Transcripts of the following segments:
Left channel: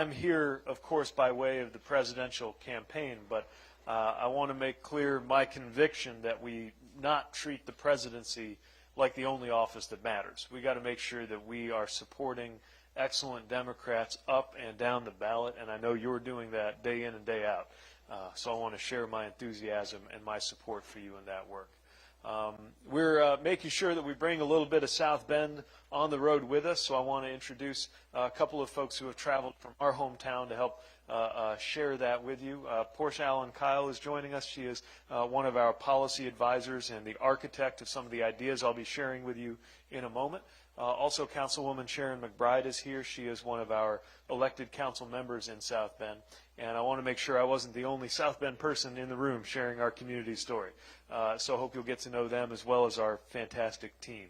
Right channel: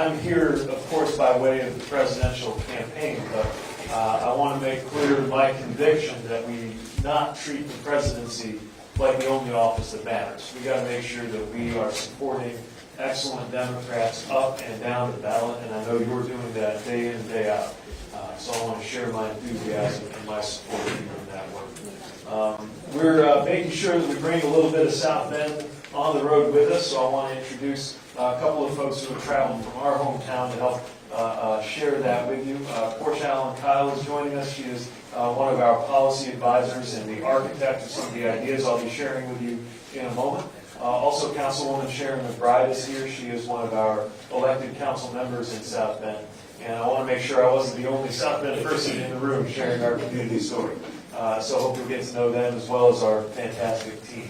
I'm here, of course, by way of the presidential campaign, but I want to make clear my conviction that we not treat the presidency like the only office that matters. We got to make sure that we are supporting excellent Democrats up and down the ballot, and I know you're doing that day in and day out. So I want to share my enthusiasm and my support of you in that work. We're making sure that we bring a little bit of South Bend on the road with us, so I want to introduce a couple of folks who have traveled from our hometown to help share that with you. Portia Allen Kyle is joining us. She is one of our policy advisors and the architect of some of the ideas I'll be sharing with you in a moment. Also, Councilwoman Sharon McBride is here. She is one of our elected council members in South Bend. And I want to make sure I wasn't the only South Bend person in the room sharing our community story. So I hope we get to know them as well as our fantastic team.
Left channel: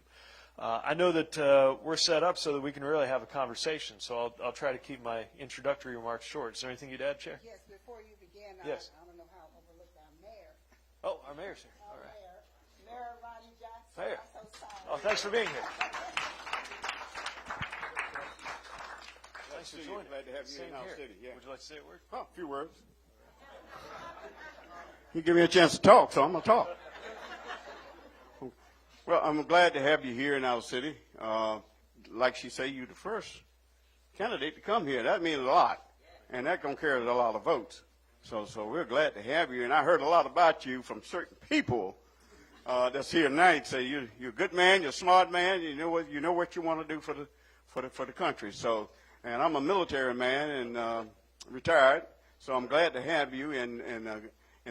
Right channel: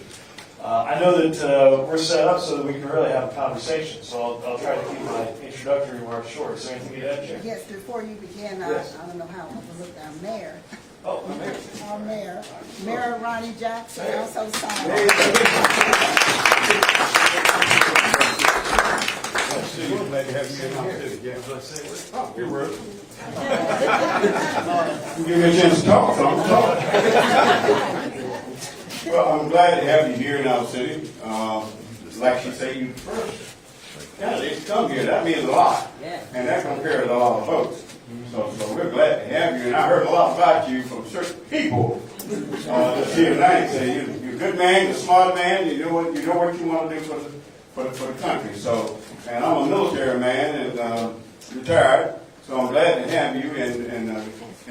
I know that we're set up so that we can really have a conversation, so I'll try to keep my introductory remarks short. Is there anything you'd add, Chair? Yes, before you begin, Yes. I don't know how to look our mayor. Oh, I'm here. Our mayor, Mayor Ronnie Jackson, Mayor. also signed. Mayor. Glad to have you in our city. Yeah. Oh, you're rude. Give me a chance to talk, so I'm talking. Well, I'm glad to have you here in our city. Like she said, you first candidates come here. That means a lot, and that compares a lot of votes. So we're glad to have you. And I heard a lot about you from certain people that's here tonight. Say you're a good man, you're a smart man. You know what you want to do for the country. So, and I'm a military man and retired. So I'm glad to have you, and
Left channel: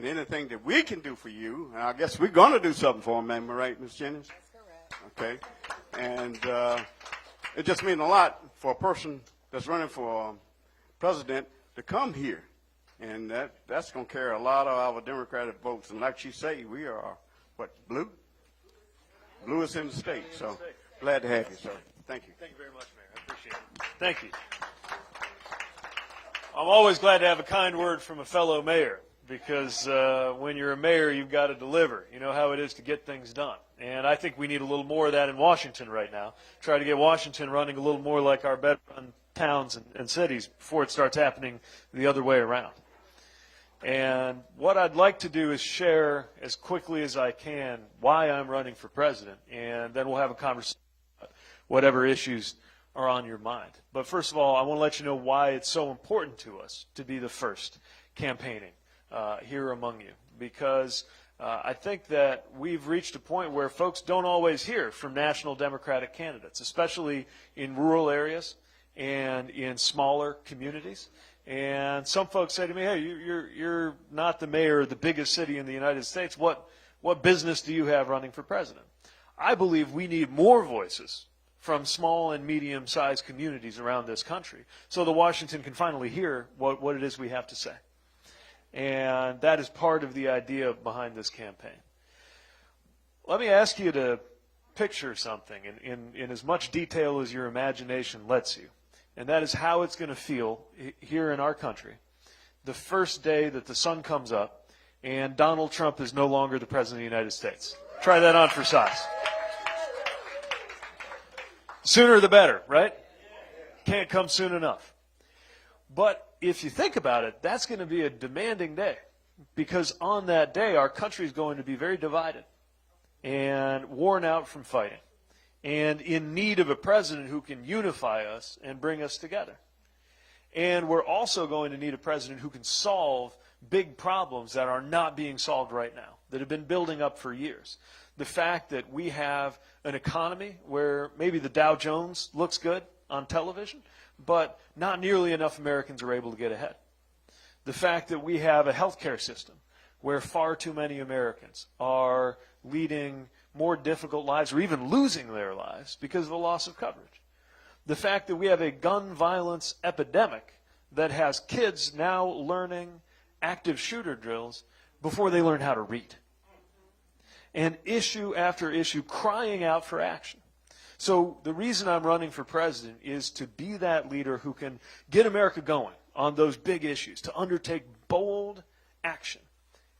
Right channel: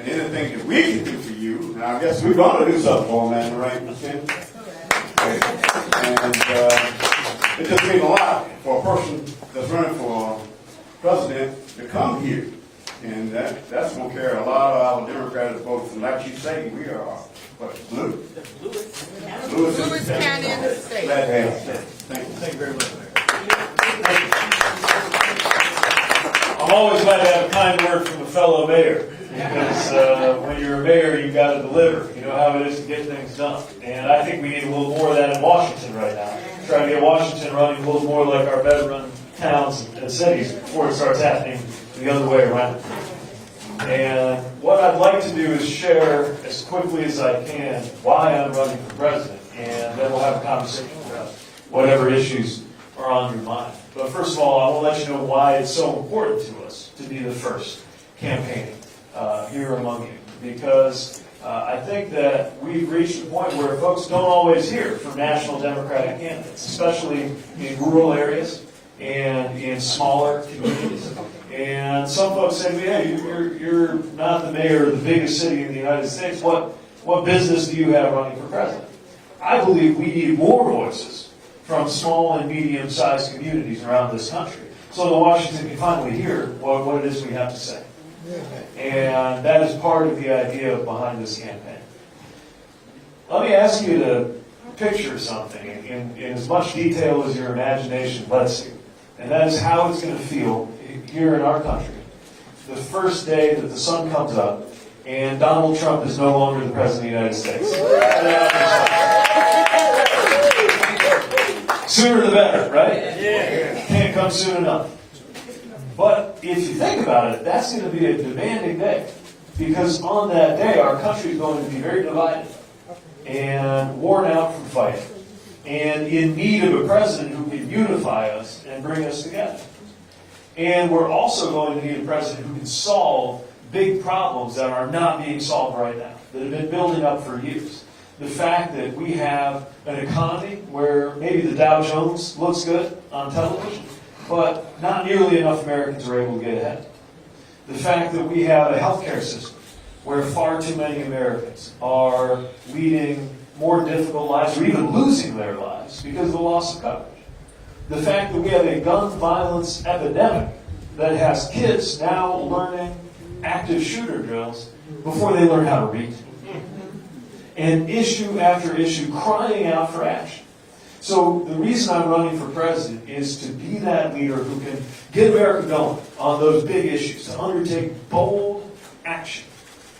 anything that we can do for you, and I guess we're going to do something for them, right, Ms. Chen? And it just means a lot for a person that's running for president to come here. And that's going to carry a lot of our Democratic votes. And like you say, we are, what, blue? Lewis County in the state. Glad to have you. Thank you. Thank you very much, Mayor. I'm always glad to have a kind word from a fellow mayor, because when you're a mayor, you've got to deliver. You know how it is to get things done. And I think we need a little more of that in Washington right now. Try to get Washington running a little more like our better-run towns and cities before it starts happening the other way around. And what I'd like to do is share as quickly as I can why I'm running for president, and then we'll have a conversation about whatever issues are on your mind. But first of all, I want to let you know why it's so important to us to be the first campaigning here among you. Because I think that we've reached a point where folks don't always hear from national Democratic candidates, especially in rural areas and in smaller communities. And some folks say to me, hey, you're not the mayor of the biggest city in the United States. What business do you have running for president? I believe we need more voices from small and medium-sized communities around this country, so that Washington can finally hear what it is we have to say. And that is part of the idea behind this campaign. Let me ask you to picture something in as much detail as your imagination lets you, and that is how it's going to feel here in our country the first day that the sun comes up and Donald Trump is no longer the President of the United States. Try that out yourself. Sooner the better, right? Yeah. Can't come soon enough. But if you think about it, that's going to be a demanding day. Because on that day, our country is going to be very divided and worn out from fighting, and in need of a president who can unify us and bring us together. And we're also going to need a president who can solve big problems that are not being solved right now, that have been building up for years. The fact that we have an economy where maybe the Dow Jones looks good on television, but not nearly enough Americans are able to get ahead. The fact that we have a healthcare system where far too many Americans are leading more difficult lives or even losing their lives because of the loss of coverage. The fact that we have a gun violence epidemic that has kids now learning active shooter drills before they learn how to read. And issue after issue crying out for action. So the reason I'm running for president is to be that leader who can get America going on those big issues, to undertake bold action.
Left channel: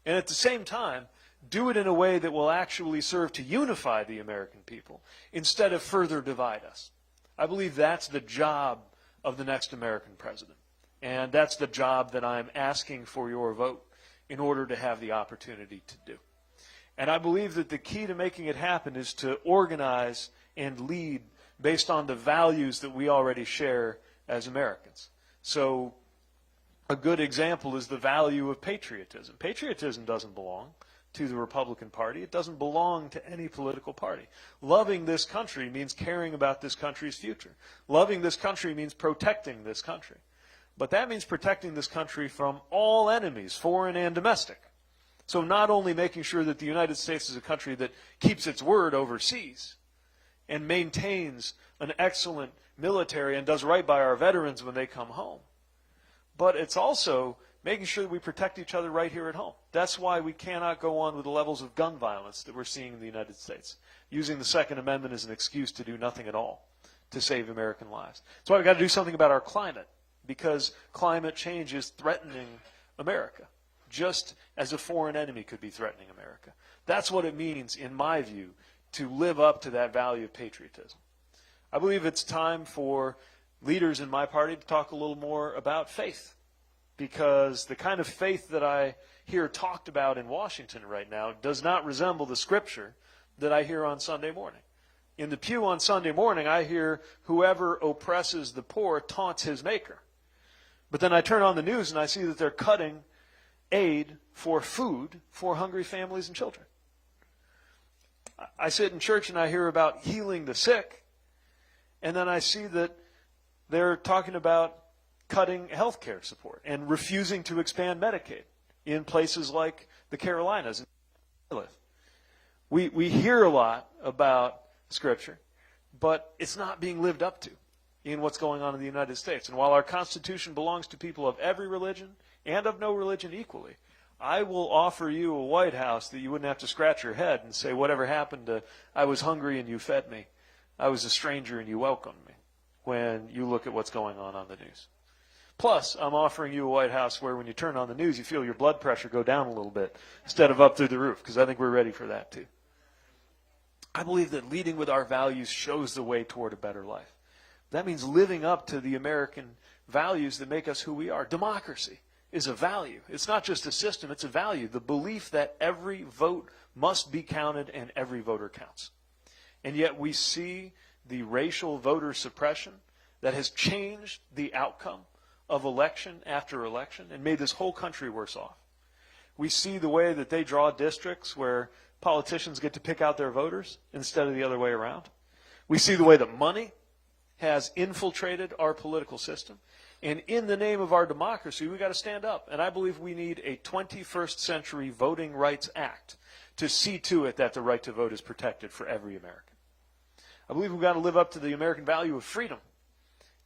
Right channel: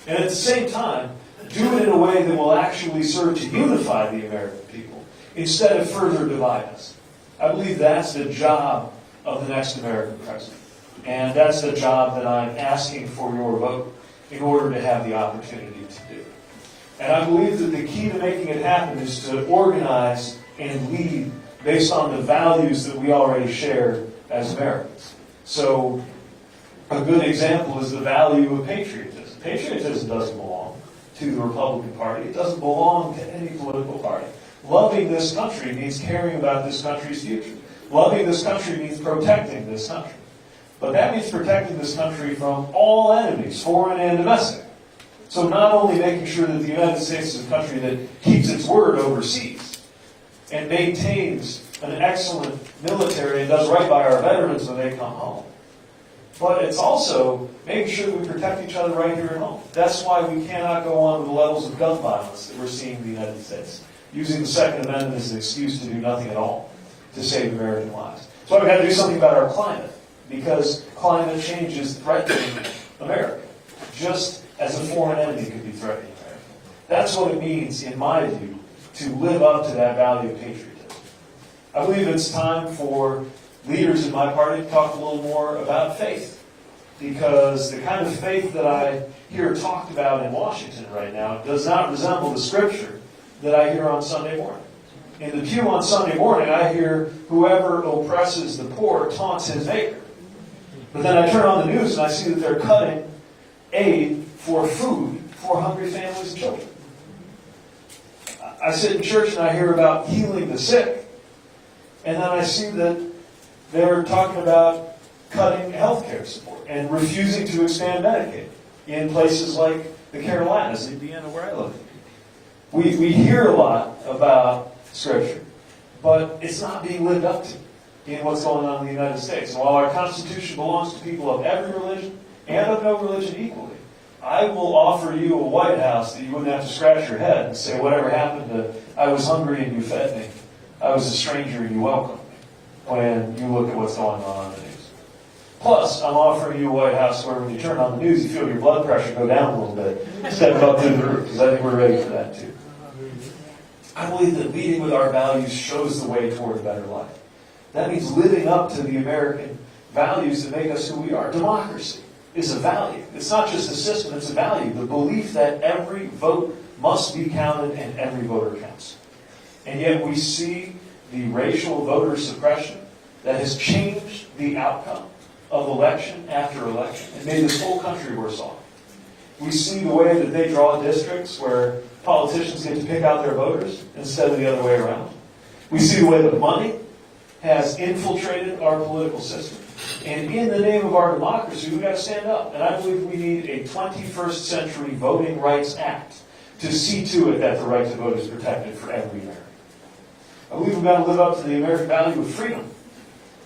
And at the same time, do it in a way that will actually serve to unify the American people instead of further divide us. I believe that's the job of the next American president. And that's the job that I'm asking for your vote in order to have the opportunity to do. And I believe that the key to making it happen is to organize and lead based on the values that we already share as Americans. So a good example is the value of patriotism. Patriotism doesn't belong to the Republican Party. It doesn't belong to any political party. Loving this country means caring about this country's future. Loving this country means protecting this country. But that means protecting this country from all enemies, foreign and domestic. So not only making sure that the United States is a country that keeps its word overseas and maintains an excellent military and does right by our veterans when they come home, but it's also making sure that we protect each other right here at home. That's why we cannot go on to the levels of gun violence that we're seeing in the United States, using the Second Amendment as an excuse to do nothing at all to save American lives. That's why we've got to do something about our climate, because climate change is threatening America, just as a foreign enemy could be threatening America. That's what it means, in my view, to live up to that value of patriotism. I believe it's time for leaders in my party to talk a little more about faith, because the kind of faith that I hear talked about in Washington right now does not resemble the scripture that I hear on Sunday morning. In the pew on Sunday morning, I hear, whoever oppresses the poor taunts his maker. But then I turn on the news and I see that they're cutting aid for food for hungry families and children. I sit in church and I hear about healing the sick, and then I see that they're talking about cutting health care support and refusing to expand Medicaid in places like the Carolinas, Indiana, where I live. We hear a lot about Scripture, but it's not being lived up to in what's going on in the United States. And while our Constitution belongs to people of every religion and of no religion equally, I will offer you a White House that you wouldn't have to scratch your head and say, whatever happened to, I was hungry and you fed me, I was a stranger and you welcomed me, when you look at what's going on the news. Plus, I'm offering you a White House where when you turn on the news, you feel your blood pressure go down a little bit instead of up through the roof, because I think we're ready for that too. I believe that leading with our values shows the way toward a better life. That means living up to the American values that make us who we are. Democracy is a value. It's not just a system, it's a value. The belief that every vote must be counted and every voter counts. And yet we see the racial voter suppression that has changed the outcome of election after election and made this whole country worse off. We see the way that they draw districts where politicians get to pick out their voters instead of the other way around. We see the way that money has infiltrated our political system. And in the name of our democracy, we've got to stand up. And I believe we need a 21st century Voting Rights Act to see to it that the right to vote is protected for every American. I believe we've got to live up to the American value of freedom.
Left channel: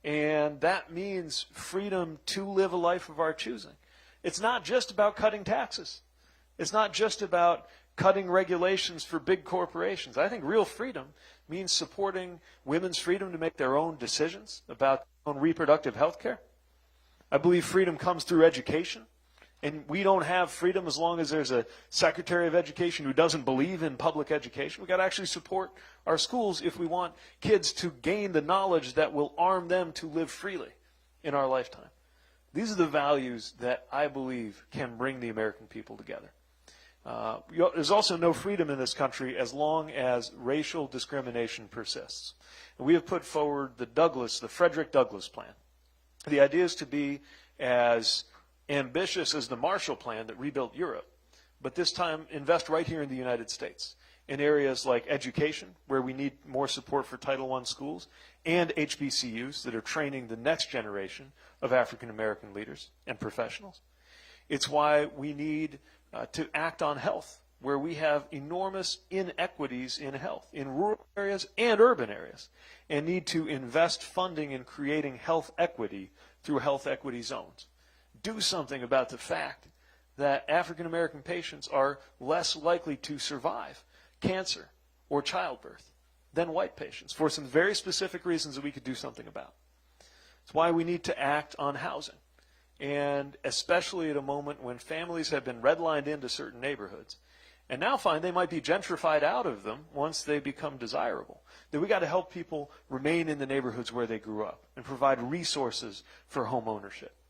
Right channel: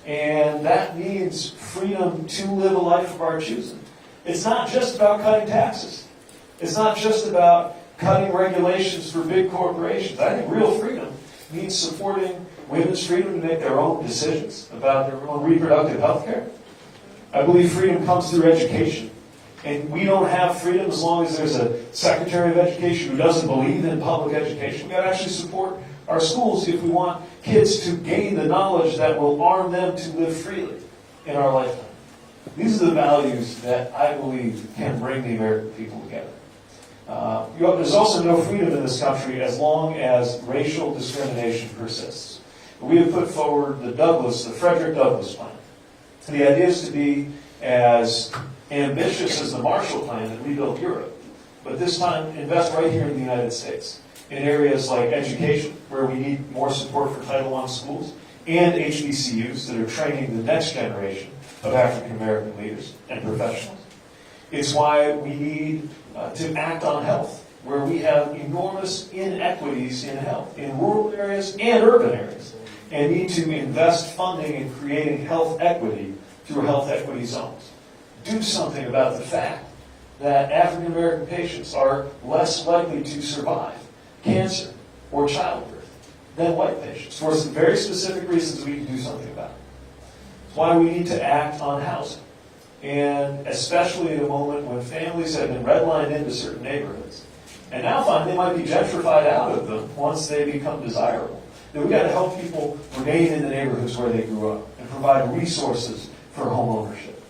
And that means freedom to live a life of our choosing. It's not just about cutting taxes. It's not just about cutting regulations for big corporations. I think real freedom means supporting women's freedom to make their own decisions about their own reproductive health care. I believe freedom comes through education. And we don't have freedom as long as there's a Secretary of Education who doesn't believe in public education. We've got to actually support our schools if we want kids to gain the knowledge that will arm them to live freely in our lifetime. These are the values that I believe can bring the American people together. There's also no freedom in this country as long as racial discrimination persists. We have put forward the Frederick Douglass plan. The idea is to be as ambitious as the Marshall Plan that rebuilt Europe, but this time invest right here in the United States in areas like education, where we need more support for Title I schools, and HBCUs that are training the next generation of African American leaders and professionals. It's why we need to act on health, where we have enormous inequities in health, in rural areas and urban areas, and need to invest funding in creating health equity through health equity zones. Do something about the fact that African American patients are less likely to survive cancer or childbirth than white patients, for some very specific reasons we can do something about it. It's why we need to act on housing. And especially at a moment when families have been redlined into certain neighborhoods, and now find they might be gentrified out of them once they become desirable, that we've got to help people remain in the neighborhoods where they grew up and provide resources for home ownership.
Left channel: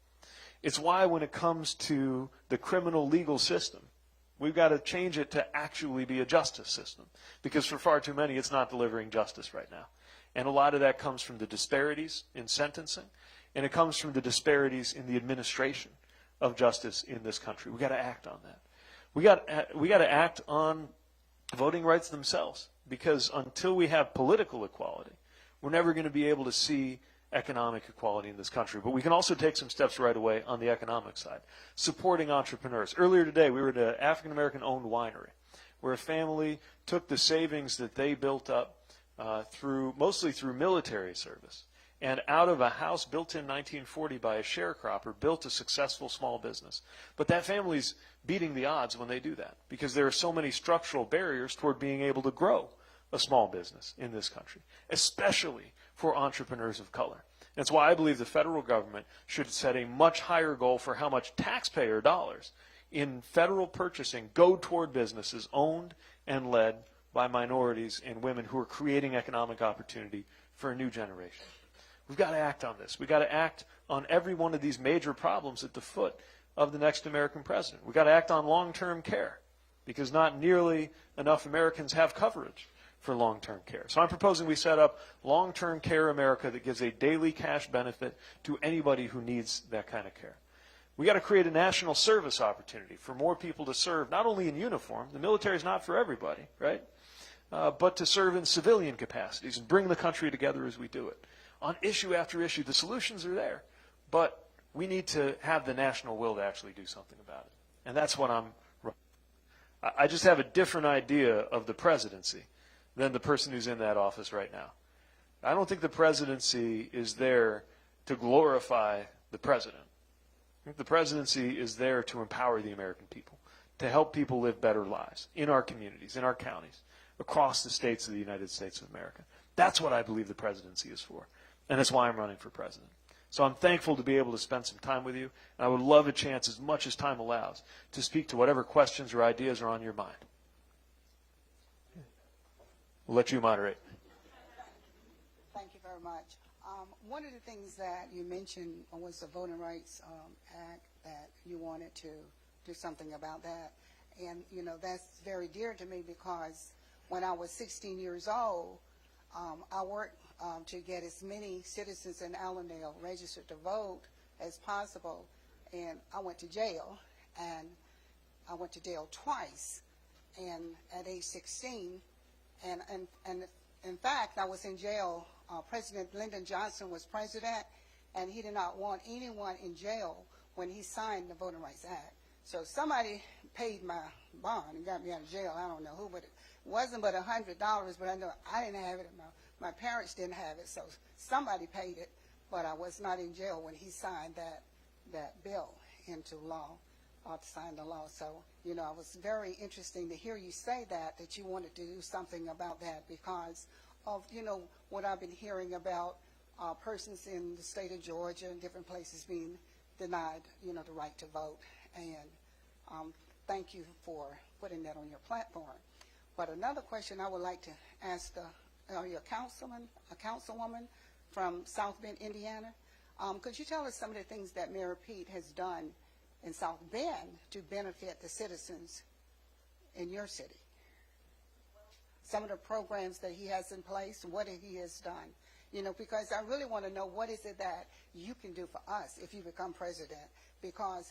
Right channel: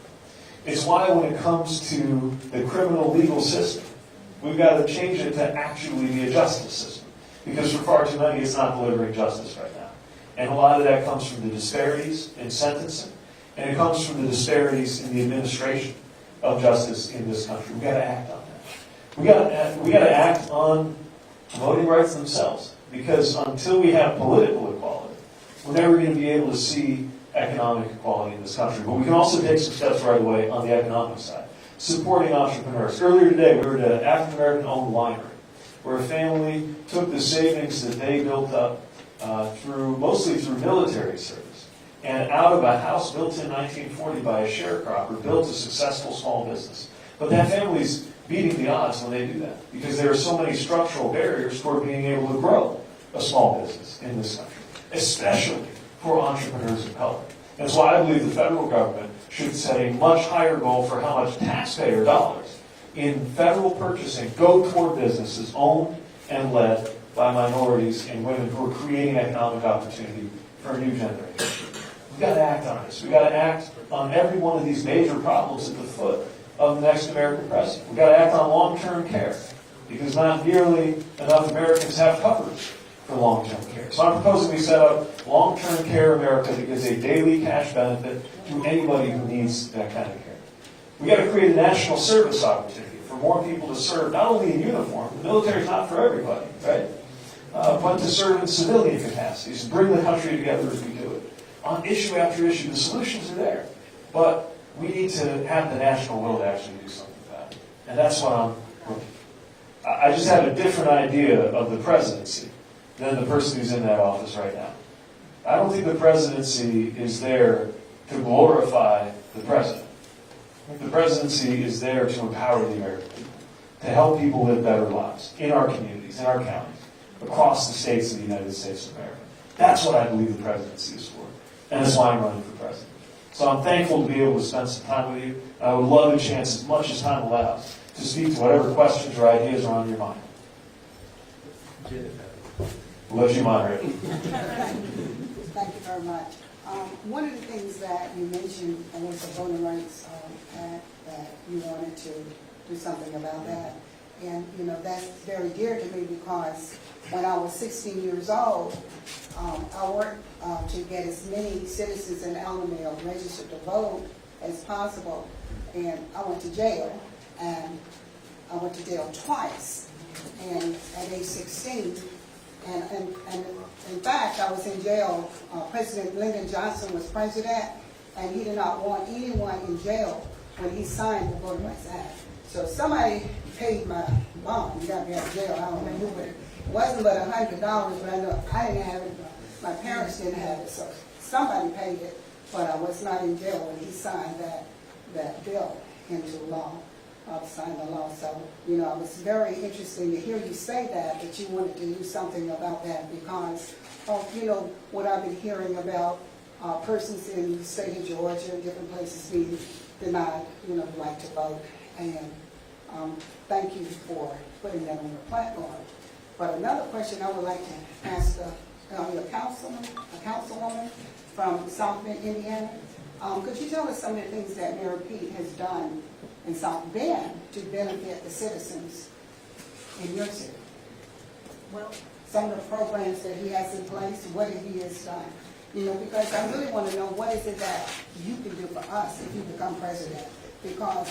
It's why when it comes to the criminal legal system, we've got to change it to actually be a justice system. Because for far too many, it's not delivering justice right now. And a lot of that comes from the disparities in sentencing, and it comes from the disparities in the administration of justice in this country. We've got to act on that. We got to act on voting rights themselves. Because until we have political equality, we're never going to be able to see economic equality in this country. But we can also take some steps right away on the economic side. Supporting entrepreneurs. Earlier today, we were at an African-American-owned winery where a family took the savings that they built up mostly through military service, and out of a house built in 1940 by a sharecropper, built a successful small business. But that family's beating the odds when they do that, because there are so many structural barriers for being able to grow a small business in this country, especially for entrepreneurs of color. That's why I believe the federal government should set a much higher goal for how much taxpayer dollars in federal purchasing go toward businesses owned and led by minorities and women who are creating economic opportunity for a new generation. We've got to act on this. We've got to act on every one of these major problems at the foot of the next American president. We've got to act on long-term care, because not nearly enough Americans have coverage for long-term care. So I'm proposing we set up Long-Term Care America that gives a daily cash benefit to anybody who needs that kind of care. We've got to create a national service opportunity for more people to serve, not only in uniform, the military is not for everybody, right? But to serve in civilian capacities and bring the country together as we do it. On issue after issue, the solutions are there. But we need to have the national will to actually do something about it. And that's what I'm working. I just have a different idea of the presidency than the person who's in that office right now. I don't think the presidency is there to glorify the president. I think the presidency is there to empower the American people, to help people live better lives in our communities, in our counties, across the states of the United States of America. That's what I believe the presidency is for. And that's why I'm running for president. So I'm thankful to be able to spend some time with you. I would love a chance, as much as time allows, to speak to whatever questions or ideas are on your mind. We'll let you moderate. Thank you very much. One of the things that you mentioned was the voting rights act, that you wanted to do something about that. And, you know, that's very dear to me, because when I was 16 years old, I worked to get as many citizens in Allendale registered to vote as possible. And I went to jail, and I went to jail twice. And at age 16, and in fact, I was in jail. President Lyndon Johnson was president, and he did not want anyone in jail when he signed the Voting Rights Act. So somebody paid my bond. He got me out of jail. I don't remember what it wasn't, but $100. But I know I didn't have it. My parents didn't have it, so somebody paid it. But I was not in jail when he signed that bill into law. Signed the law. So, you know, it was very interesting to hear you say that you wanted to do something about that, because of, you know, what I've been hearing about persons in the state of Georgia and different places being denied, you know, the right to vote. And thank you for putting that on your platform. But another question I would like to ask a councilwoman from South Bend, Indiana. Could you tell us some of the things that Mayor Pete has done in South Bend to benefit the citizens in your city? Well, some of the programs that he has in place, what he has done. You know, because I really want to know, what is it that you can do for us if you become president? Because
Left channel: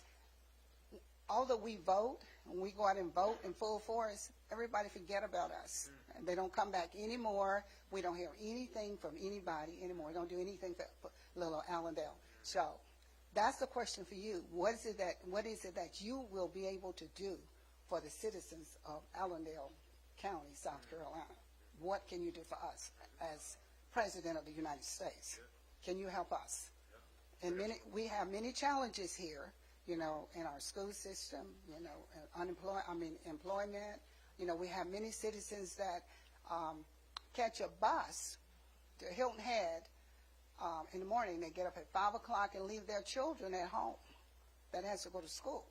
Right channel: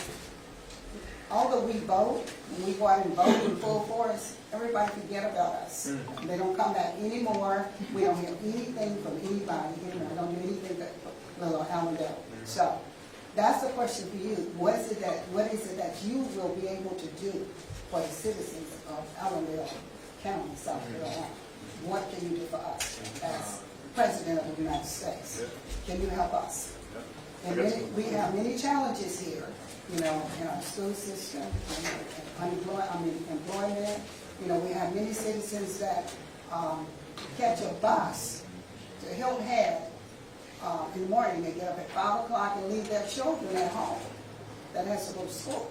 although we vote, and we go out and vote in full force, everybody forget about us. They don't come back anymore. We don't hear anything from anybody anymore. We don't do anything but little Allendale. So that's the question for you. What is it that you will be able to do for the citizens of Allendale County, South Carolina? What can you do for us as President of the United States? Can you help us? And we have many challenges here, you know, in our school system, employment. You know, we have many citizens that catch a bus to Hilton Head in the morning. They get up at 5 o'clock and leave their children at home that has to go to school.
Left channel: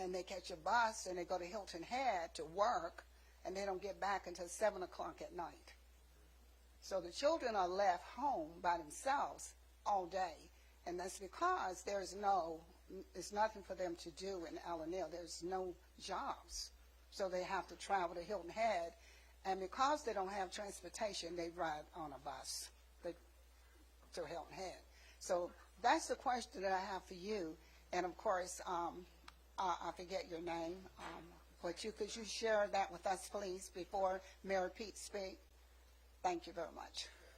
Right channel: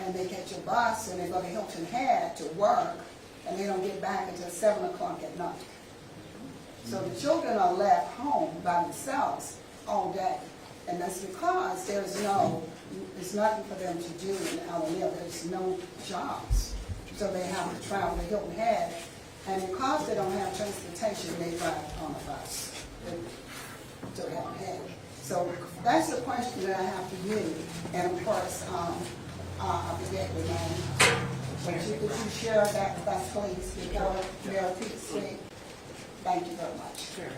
And they catch a bus and they go to Hilton Head to work, and they don't get back until 7 o'clock at night. So the children are left home by themselves all day. And that's because there's nothing for them to do in Allendale. There's no jobs. So they have to travel to Hilton Head. And because they don't have transportation, they drive on a bus to Hilton Head. So that's the question that I have for you. And of course, I forget your name. But could you share that with us, please, before Mayor Pete speaks? Thank you very much. Sure.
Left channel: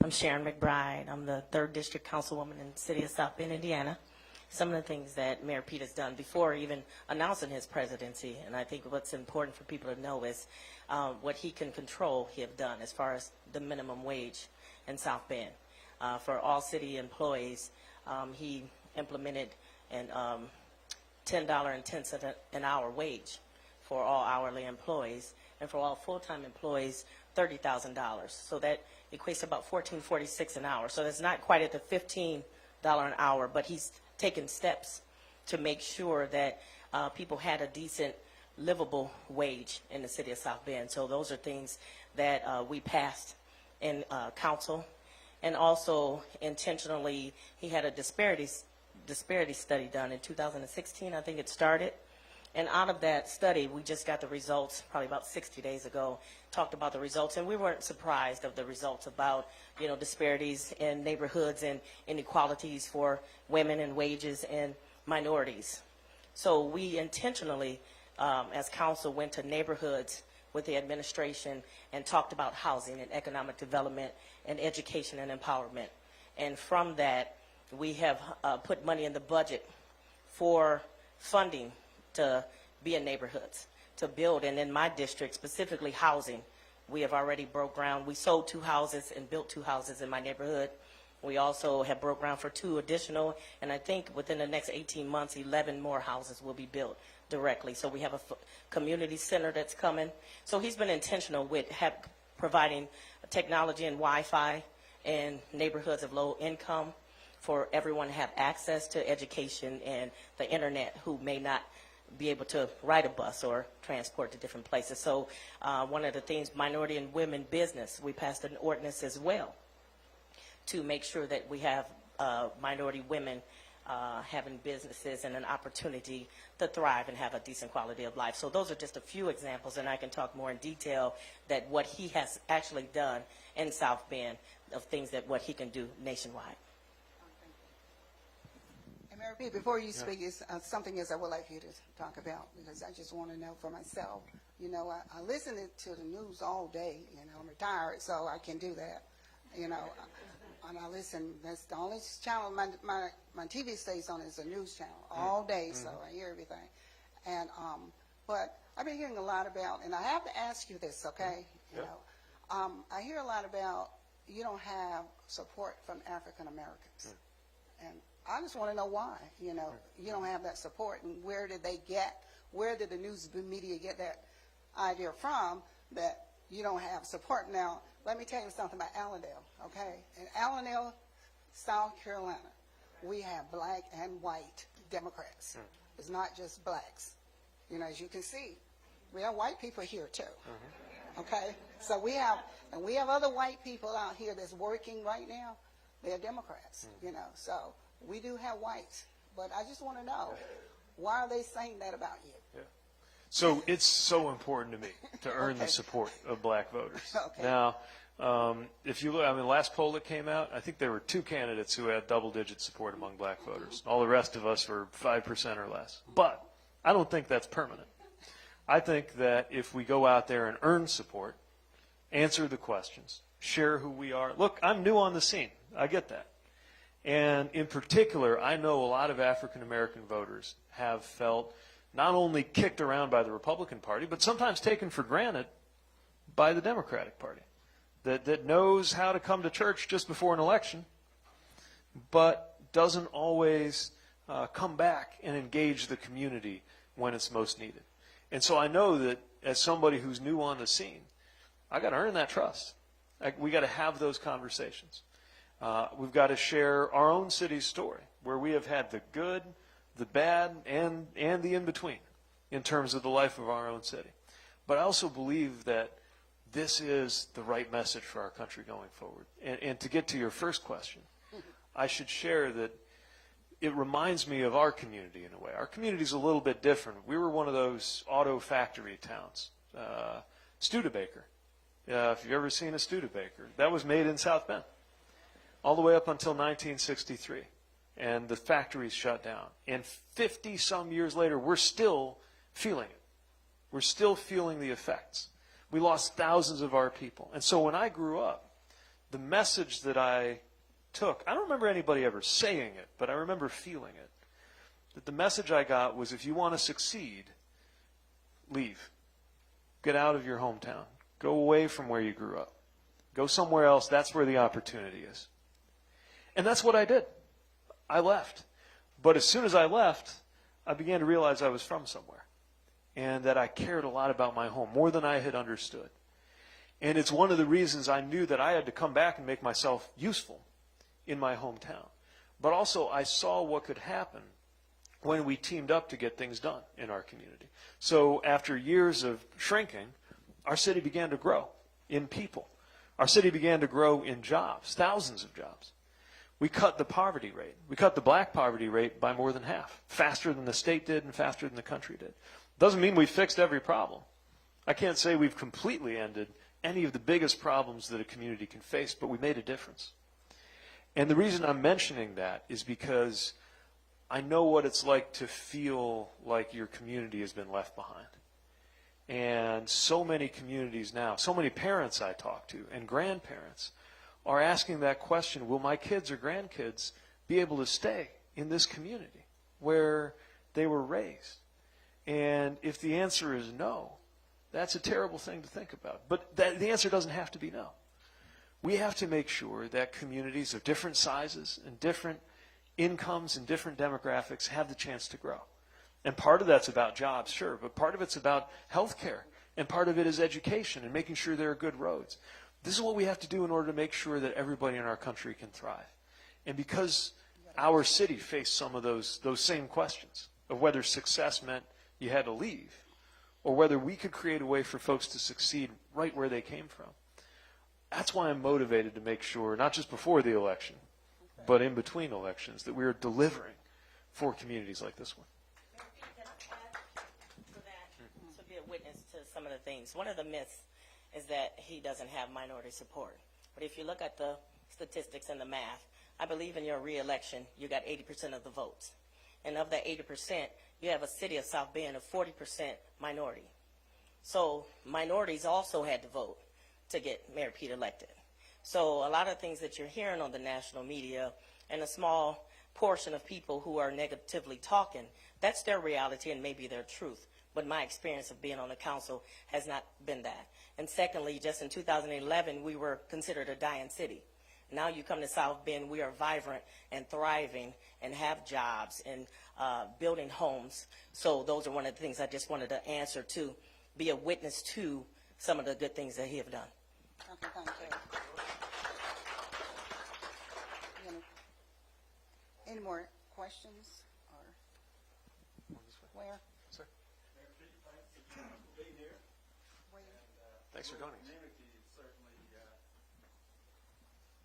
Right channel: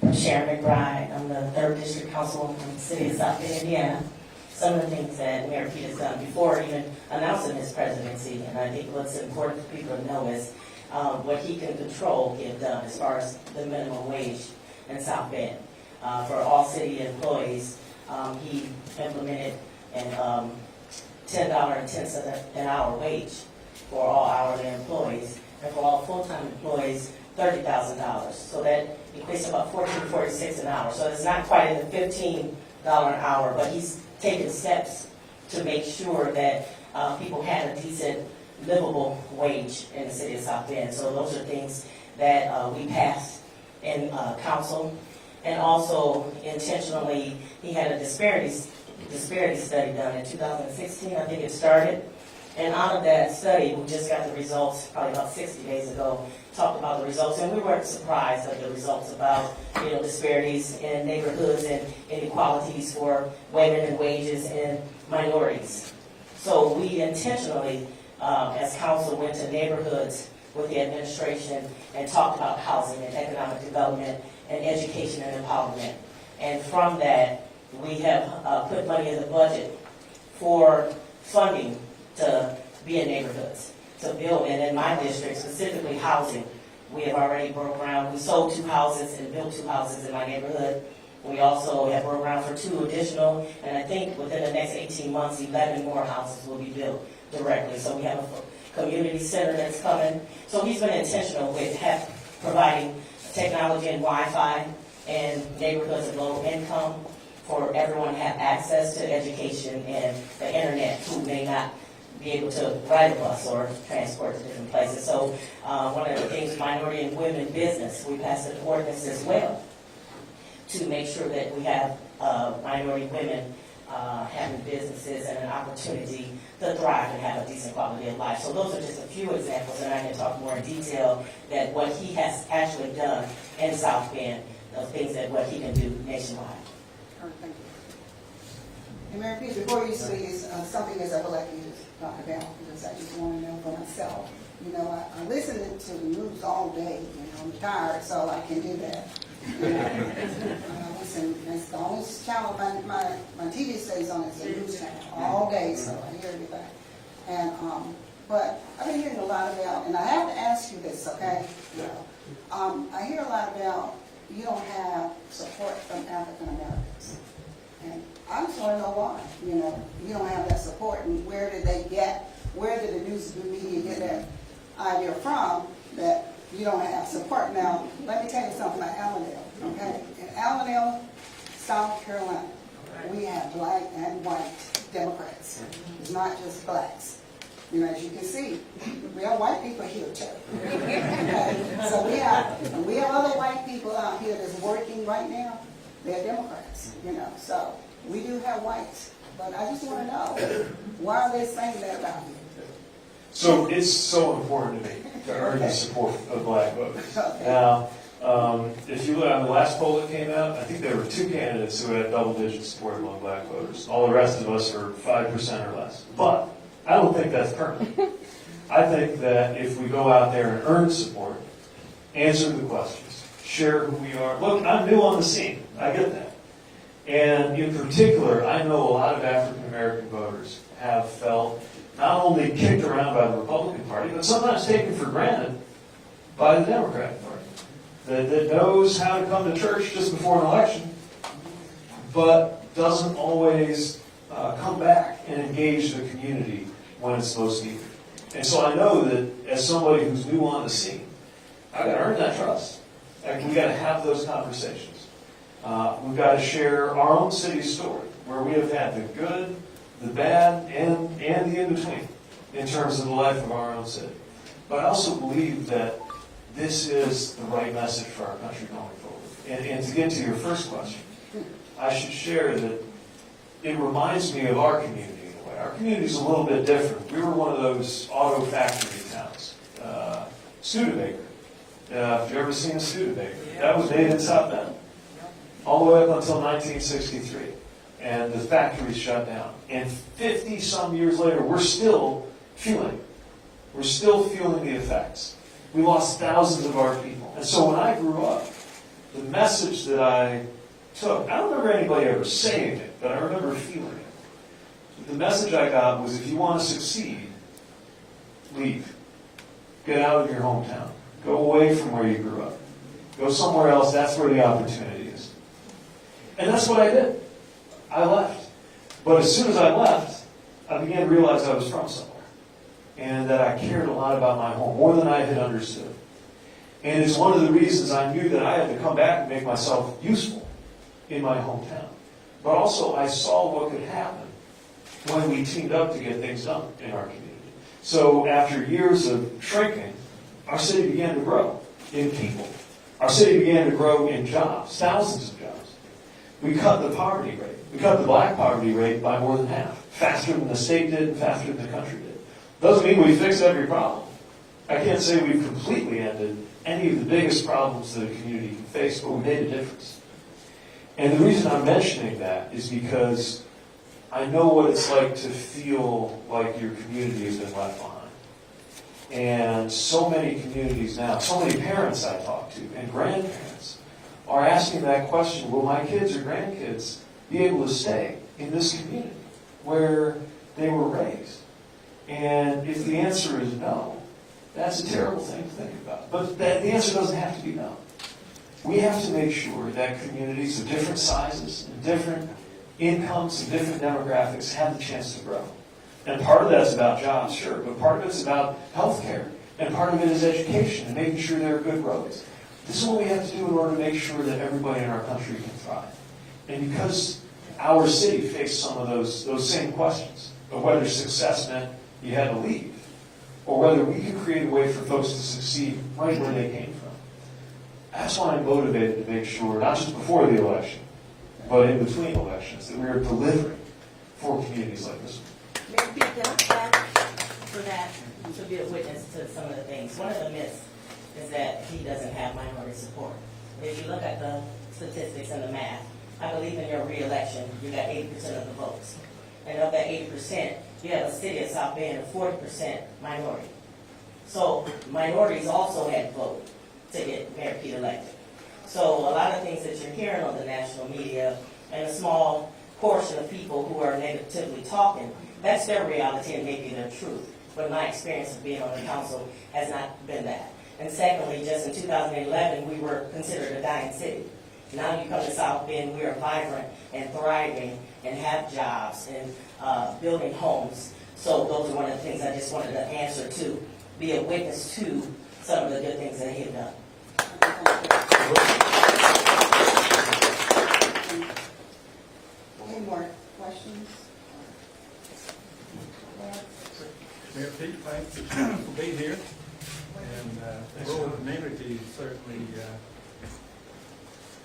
I'm Sharon McBride. I'm the 3rd District Councilwoman from the city of South Bend, Indiana. Some of the things that Mayor Pete has done before even announcing his presidency, and I think what's important for people to know is what he can control get done as far as the minimum wage in South Bend. For all city employees, he implemented a $10.10 an hour wage for all hourly employees, and for all full-time employees, $30,000. So that equates to about $14.46 an hour. So it's not quite in the $15 an hour, but he's taken steps to make sure that people had a decent, livable wage in the city of South Bend. So those are things that we passed in council. And also, intentionally, he had a disparity study done in 2016, I think it started. And out of that study, we just got the results probably about 60 days ago, talked about the results, and we weren't surprised of the results about, disparities in neighborhoods and inequalities for women and wages and minorities. So we intentionally, as council, went to neighborhoods with the administration and talked about housing and economic development and education and empowerment. And from that, we have put money in the budget for funding to be in neighborhoods, to build, and in my district, specifically housing. We have already broke ground. We sold 2 houses and built 2 houses in my neighborhood. We also have broke ground for 2 additional, and I think within the next 18 months, 11 more houses will be built directly. So we have a community center that's coming. So he's been intentional with providing technology and Wi-Fi in neighborhoods of low income for everyone to have access to education and the internet who may not be able to ride a bus or transport to different places. So one of the things, minority and women business, we passed an ordinance as well to make sure that we have minority women having businesses and an opportunity to thrive and have a decent quality of life. So those are just a few examples, and I can talk more in detail that what he has actually done in South Bend, the things that what he can do nationwide. All right, thank you. And Mayor Pete, before you speak, is something else I would like you to talk about, because I just want to know for myself. I listen to the news all day. I'm tired, so I can do that. I listen. That's the only channel my TV stays on. It's the news channel all day, so I hear everything. And but I've been hearing a lot about, and I have to ask you this, okay? I hear a lot about you don't have support from African Americans, and I just want to know why. You don't have that support, and where did the news media get that idea from that you don't have support? Now, let me tell you something about Allendale, okay? In Allendale, South Carolina, we have black and white Democrats. It's not just blacks. As you can see, we have white people here too. Okay? So we have other white people out here that's working right now. They're Democrats, So we do have whites, but I just want to know, why are they saying that about you? So it's so important to me to earn the support of black voters. Now, if you look on the last poll that came out, I think there were 2 candidates who had double-digit support among black voters. All the rest of us are 5% or less. But I don't think that's permanent. I think that if we go out there and earn support, answer the questions, share who we are. Look, I'm new on the scene. I get that. And in particular, I know a lot of African American voters have felt not only kicked around by the Republican Party, but sometimes taken for granted by the Democratic Party. That knows how to come to church just before an election, but doesn't always come back and engage the community when it's supposed to. And so I know that as somebody who's new on the scene, I got to earn that trust. We got to have those conversations. We've got to share our own city's story, where we have had the good, the bad, and the in-between in terms of the life of our own city. But I also believe that this is the right message for our country going forward. And to get to your first question, I should share that it reminds me of our community in a way. Our community is a little bit different. We were one of those auto factory towns. Studebaker. Have you ever seen a Studebaker? That was made in South Bend. All the way up until 1963. And the factory shut down. And 50-some years later, we're still feeling it. We're still feeling the effects. We lost thousands of our people. And so when I grew up, the message that I took, I don't remember anybody ever saying it, but I remember feeling it. The message I got was, if you want to succeed, leave. Get out of your hometown. Go away from where you grew up. Go somewhere else. That's where the opportunity is. And that's what I did. I left. But as soon as I left, I began to realize I was from somewhere. And that I cared a lot about my home, more than I had understood. And it's one of the reasons I knew that I had to come back and make myself useful in my hometown. But also, I saw what could happen when we teamed up to get things done in our community. So after years of shrinking, our city began to grow in people. Our city began to grow in jobs, thousands of jobs. We cut the poverty rate. We cut the black poverty rate by more than half, faster than the state did and faster than the country did. Doesn't mean we fixed every problem. I can't say we've completely ended any of the biggest problems that a community can face, but we made a difference. And the reason I'm mentioning that is because I know what it's like to feel like your community has been left behind. And so many communities now, so many parents I talk to, and grandparents, are asking that question, will my kids or grandkids be able to stay in this community where they were raised? And if the answer is no, that's a terrible thing to think about. But the answer doesn't have to be no. We have to make sure that communities of different sizes and different incomes and different demographics have the chance to grow. And part of that's about jobs, sure, but part of it's about health care. And part of it is education and making sure there are good roads. This is what we have to do in order to make sure that everybody in our country can thrive. And because our city faced some of those same questions of whether success meant you had to leave, or whether we could create a way for folks to succeed right where they came from. That's why I'm motivated to make sure, not just before the election, but in between elections, that we're delivering for communities like this one. Mayor Pete, can I ask for that to be a witness to some of the things? One of the myths is that he doesn't have minority support. If you look at the statistics and the math, I believe in your re-election, you got 80% of the votes. And of that 80%, you have a city of South Bend of 40% minority. So minorities also had to vote to get Mayor Pete elected. So a lot of things that you're hearing on the national media and a small portion of people who are negatively talking, that's their reality and maybe their truth. But my experience of being on the council has not been that. And secondly, just in 2011, we were considered a dying city. Now you come to South Bend, we are vibrant and thriving and have jobs and building homes. So those are one of the things I just wanted to answer to, be a witness to some of the good things that he has done. Any more questions? Mayor Pete, thanks for being here. And the rural community certainly,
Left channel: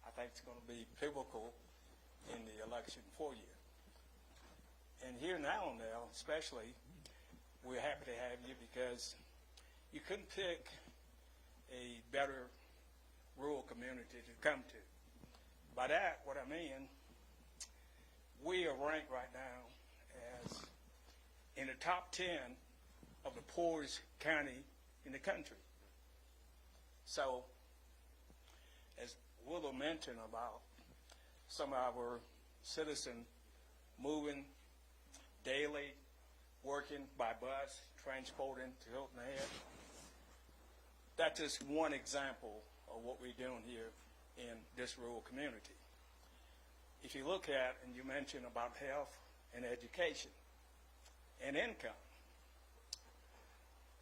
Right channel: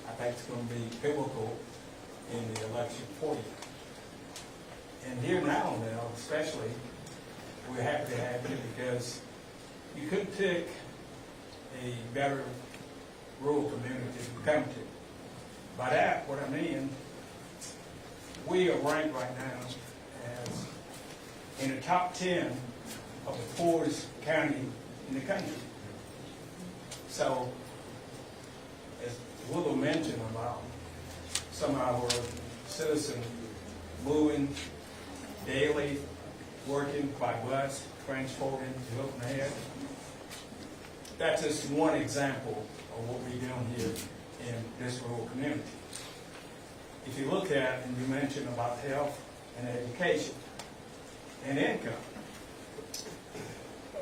I think it's going to be pivotal in the election for you. And here in Allendale, especially, we're happy to have you because you couldn't pick a better rural community to come to. By that, what I mean, we are ranked right now as in the top 10 of the poorest county in the country. So, as Willow mentioned about some of our citizens moving daily, working by bus, transporting, looking ahead, that's just one example of what we're doing here in this rural community. If you look at, and you mentioned about health and education and income,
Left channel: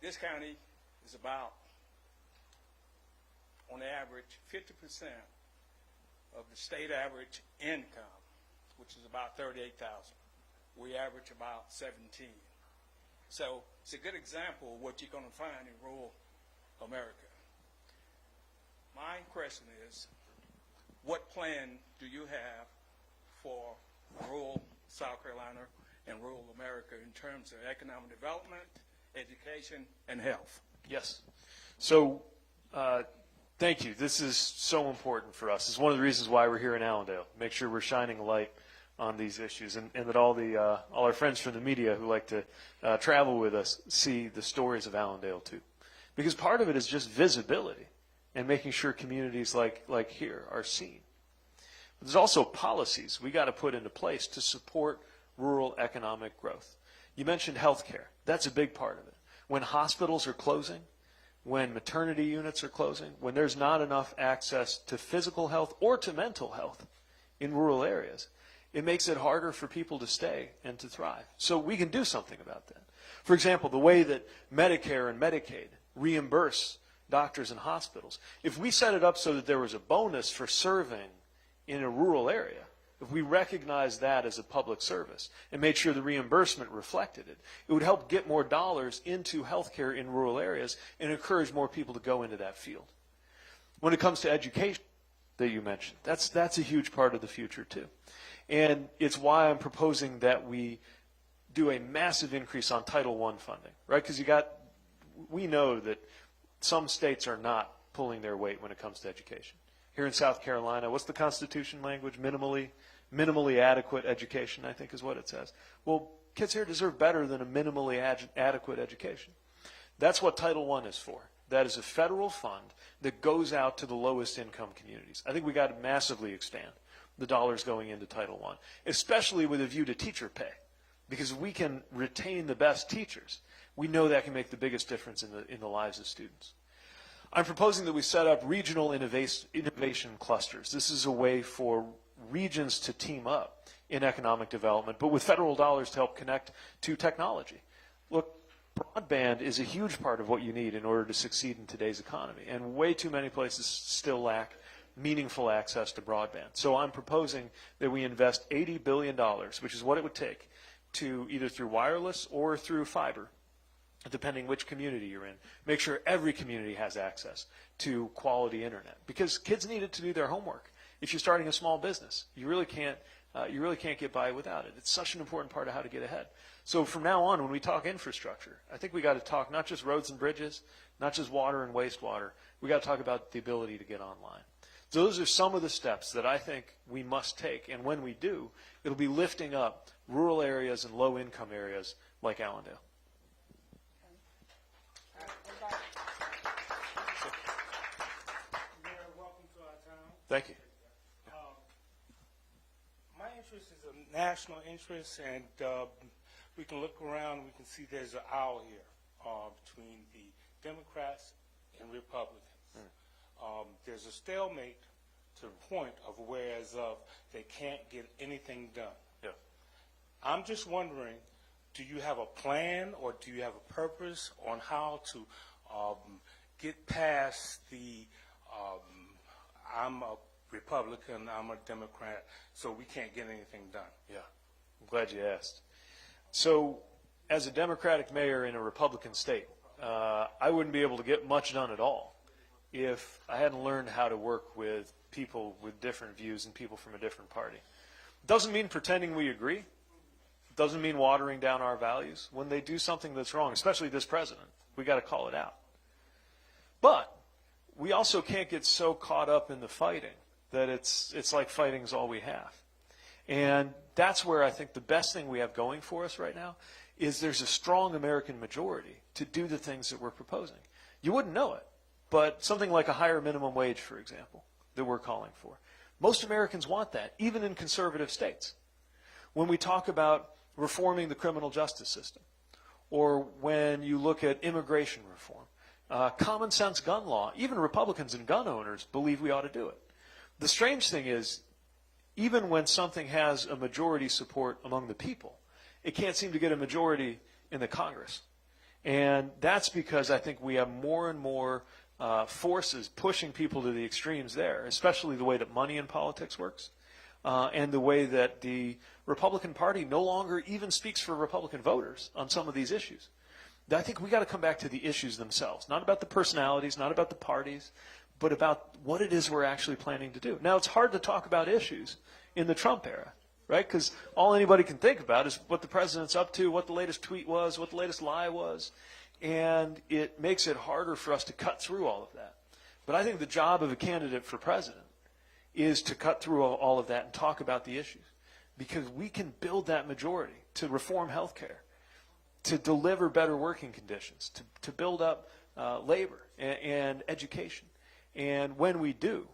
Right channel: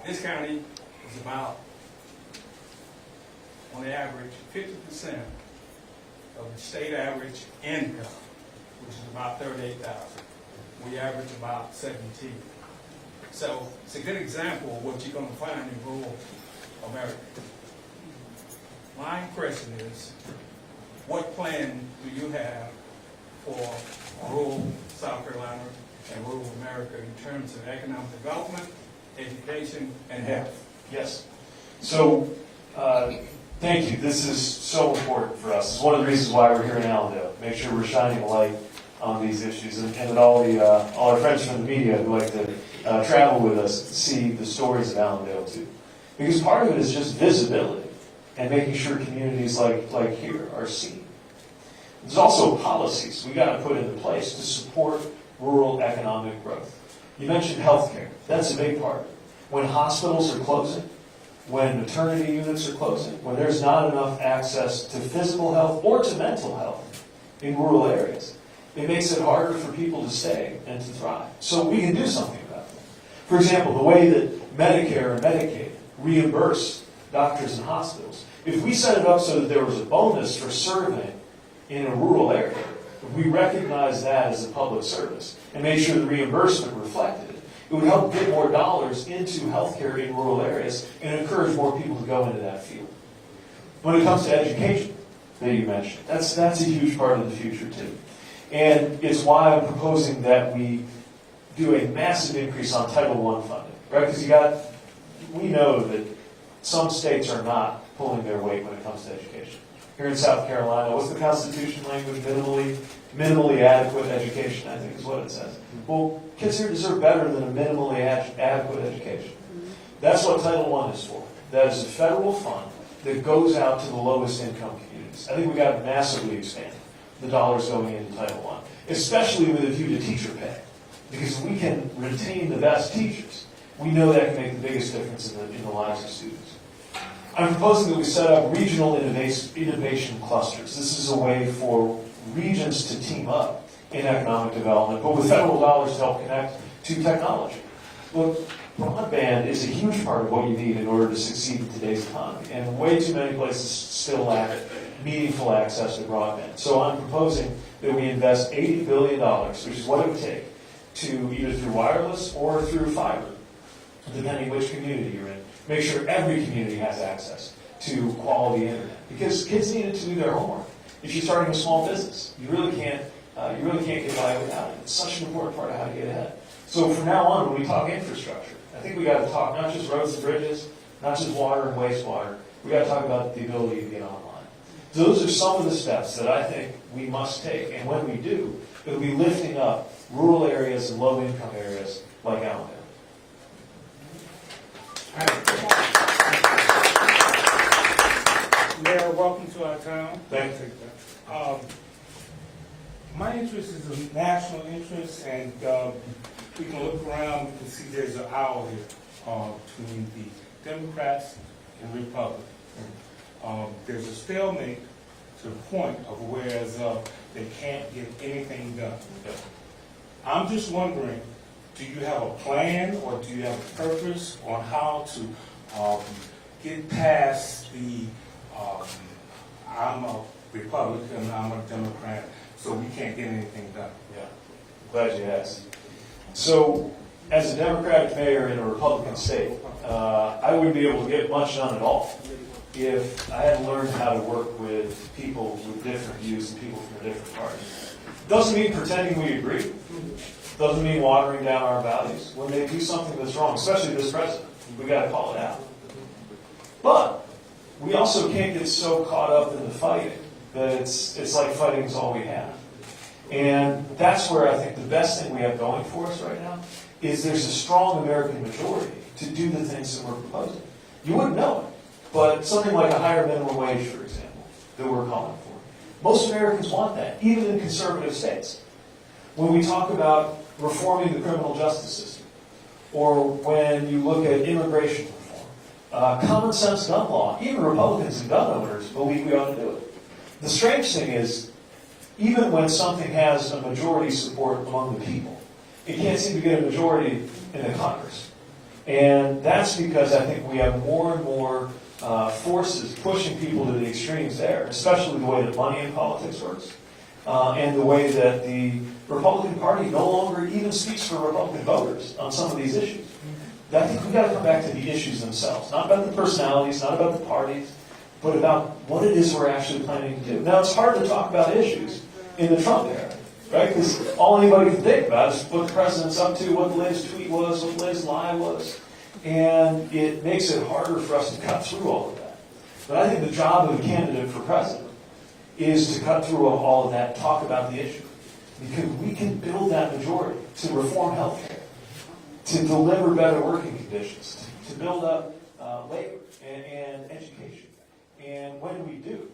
this county is about, on average, 50% of the state average income, which is about $38,000. We average about 17. So it's a good example of what you're going to find in rural America. question is, what plan do you have for rural South Carolina and rural America in terms of economic development, education, and health? Yes. So, thank you. This is so important for us. It's one of the reasons why we're here in Allendale. Make sure we're shining a light on these issues, and that all our friends from the media who like to travel with us see the stories of Allendale too. Because part of it is just visibility and making sure communities like here are seen. There's also policies we got to put into place to support rural economic growth. You mentioned healthcare. That's a big part of it. When hospitals are closing, when maternity units are closing, when there's not enough access to physical health or to mental health in rural areas, it makes it harder for people to stay and to thrive. So we can do something about it. For example, the way that Medicare and Medicaid reimburse doctors and hospitals. If we set it up so that there was a bonus for serving in a rural area, if we recognize that as a public service and made sure the reimbursement reflected it, it would help get more dollars into healthcare in rural areas and encourage more people to go into that field. When it comes to education that you mentioned, that's a huge part of the future too. And it's why I'm proposing that we do a massive increase on Title I funding, right? Because we know that some states are not pulling their weight when it comes to education. Here in South Carolina, what's the Constitution language? Minimally adequate education, I think is what it says. Well, kids here deserve better than a minimally adequate education. That's what Title I is for. That is a federal fund that goes out to the lowest income communities. I think we've got to massively expand the dollars going into Title I, especially with a view to teacher pay. Because if we can retain the best teachers, we know that can make the biggest difference in the lives of students. I'm proposing that we set up regional innovation clusters. This is a way for regions to team up in economic development, but with federal dollars to help connect to technology. Look, broadband is a huge part of what you need in order to succeed in today's economy, and way too many places still lack meaningful access to broadband. So I'm proposing that we invest $80 billion, which is what it would take, to either through wireless or through fiber, depending which community you're in. Make sure every community has access to quality internet, because kids need it to do their homework. If you're starting a small business, you really can't get by without it. It's such an important part of how to get ahead. So from now on, when we talk infrastructure, I think we got to talk not just roads and bridges, not just water and wastewater. We got to talk about the ability to get online. So those are some of the steps that I think we must take, and when we do, it'll be lifting up rural areas and low-income areas like Allendale. Mayor, welcome to our town. Thank you. My interest is a national interest, and we can look around, we can see there's an aisle here between the Democrats and Republicans. There's a stalemate to the point of whereas they can't get anything done. I'm just wondering, do you have a plan or do you have a purpose on how to get past the I'm a Republican, I'm a Democrat, so we can't get anything done? Yeah, glad you asked. So, as a Democratic mayor in a Republican state, I wouldn't be able to get much done at all if I hadn't learned how to work with people with different views and people from different parties. Doesn't mean pretending we agree. Doesn't mean watering down our values. When they do something that's wrong, especially this president, we got to call it out. But we also can't get so caught up in the fighting that it's like fighting is all we have. And that's where I think the best thing we have going for us right now is there's a strong American majority to do the things that we're proposing. You wouldn't know it, but something like a higher minimum wage, for example, that we're calling for. Most Americans want that, even in conservative states. When we talk about reforming the criminal justice system, or when you look at immigration reform, common sense gun law, even Republicans and gun owners believe we ought to do it. The strange thing is, even when something has a majority support among the people, it can't seem to get a majority in the Congress. And that's because I think we have more and more forces pushing people to the extremes there, especially the way that money in politics works, and the way that the Republican Party no longer even speaks for Republican voters on some of these issues. I think we've got to come back to the issues themselves, not about the personalities, not about the parties. but about what it is we're actually planning to do. Now, it's hard to talk about issues in the Trump era, right? Because all anybody can think about is what the president's up to, what the latest tweet was, what the latest lie was. And it makes it harder for us to cut through all of that. But I think the job of a candidate for president is to cut through all of that, talk about the issue. Because we can build that majority to reform healthcare, to deliver better working conditions, to build up labor and education. And when we do,